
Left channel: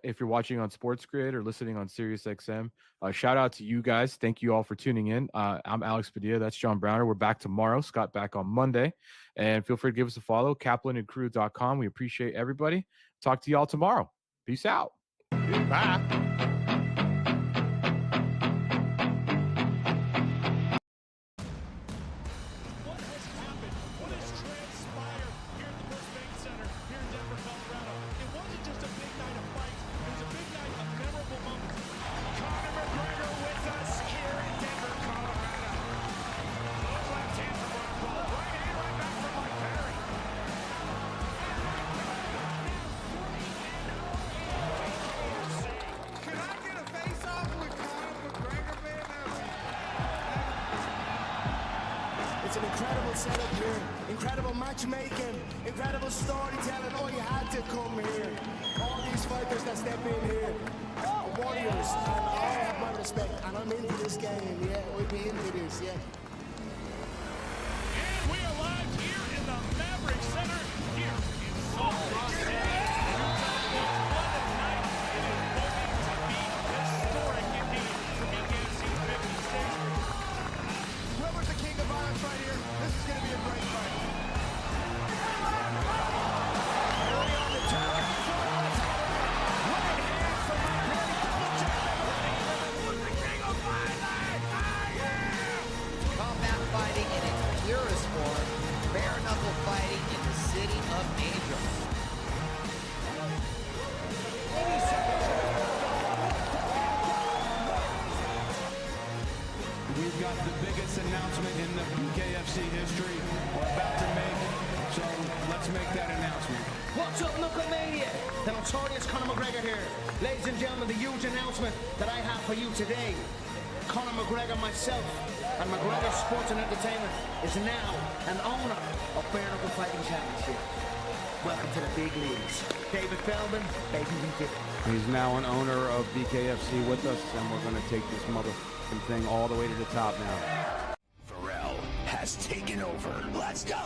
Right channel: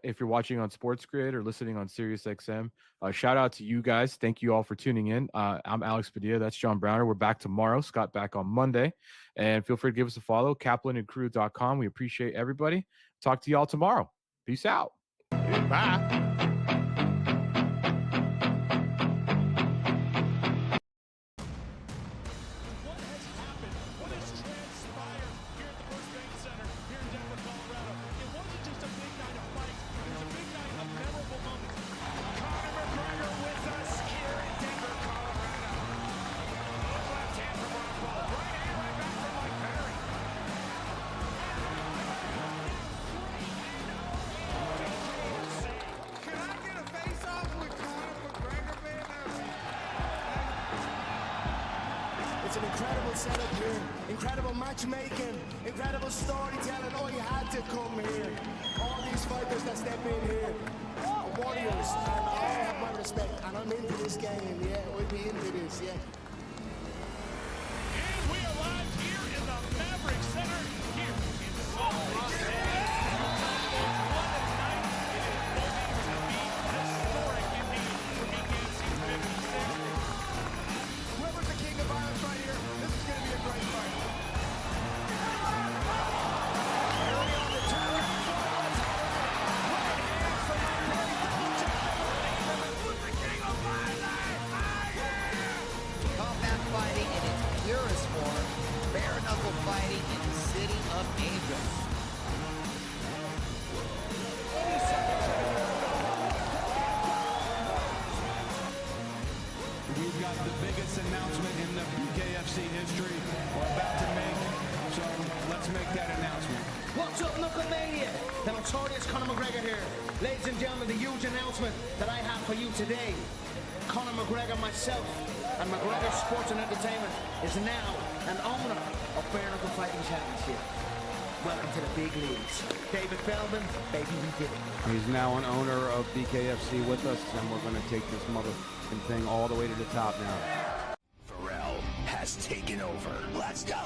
If you're watching on SportsGrid or listening on SiriusXM, shout out to you guys. Thank you all for tuning in. I'm Alex Padilla. That's John Browner. We're back tomorrow. Scott back on Monday. And feel free to give us a follow, kaplanandcrew.com. We appreciate everybody. Talk to y'all tomorrow. Peace out. Bye. It's an incredible setup here, incredible matchmaking, incredible storytelling. Oh, you had to come here. All these fighters that step in here are warriors, and all have my respect. And I'm into this game, yeah. We'll be into this, yeah. And we are live here in the Maverick Center here in South Sudan. Fighting in the city of angels. We've got the biggest announcement in the BKFC history we're about to make, so let's make that announcement. What's up, Knucklemania? The notorious Conor McGregor here. Ladies and gentlemen, the huge announcement that I have for you today. Conor McGregor, myself, and McGregor Sports and Entertainment is now an owner of Bare Knuckle Fighting Championship. Welcome to the big leagues. David Feldman, baby, we did it. He's now an owner of BKFC with us, and we're going to take this motherfucking thing all the way to the top now. Pharrell has taken over. Let's go.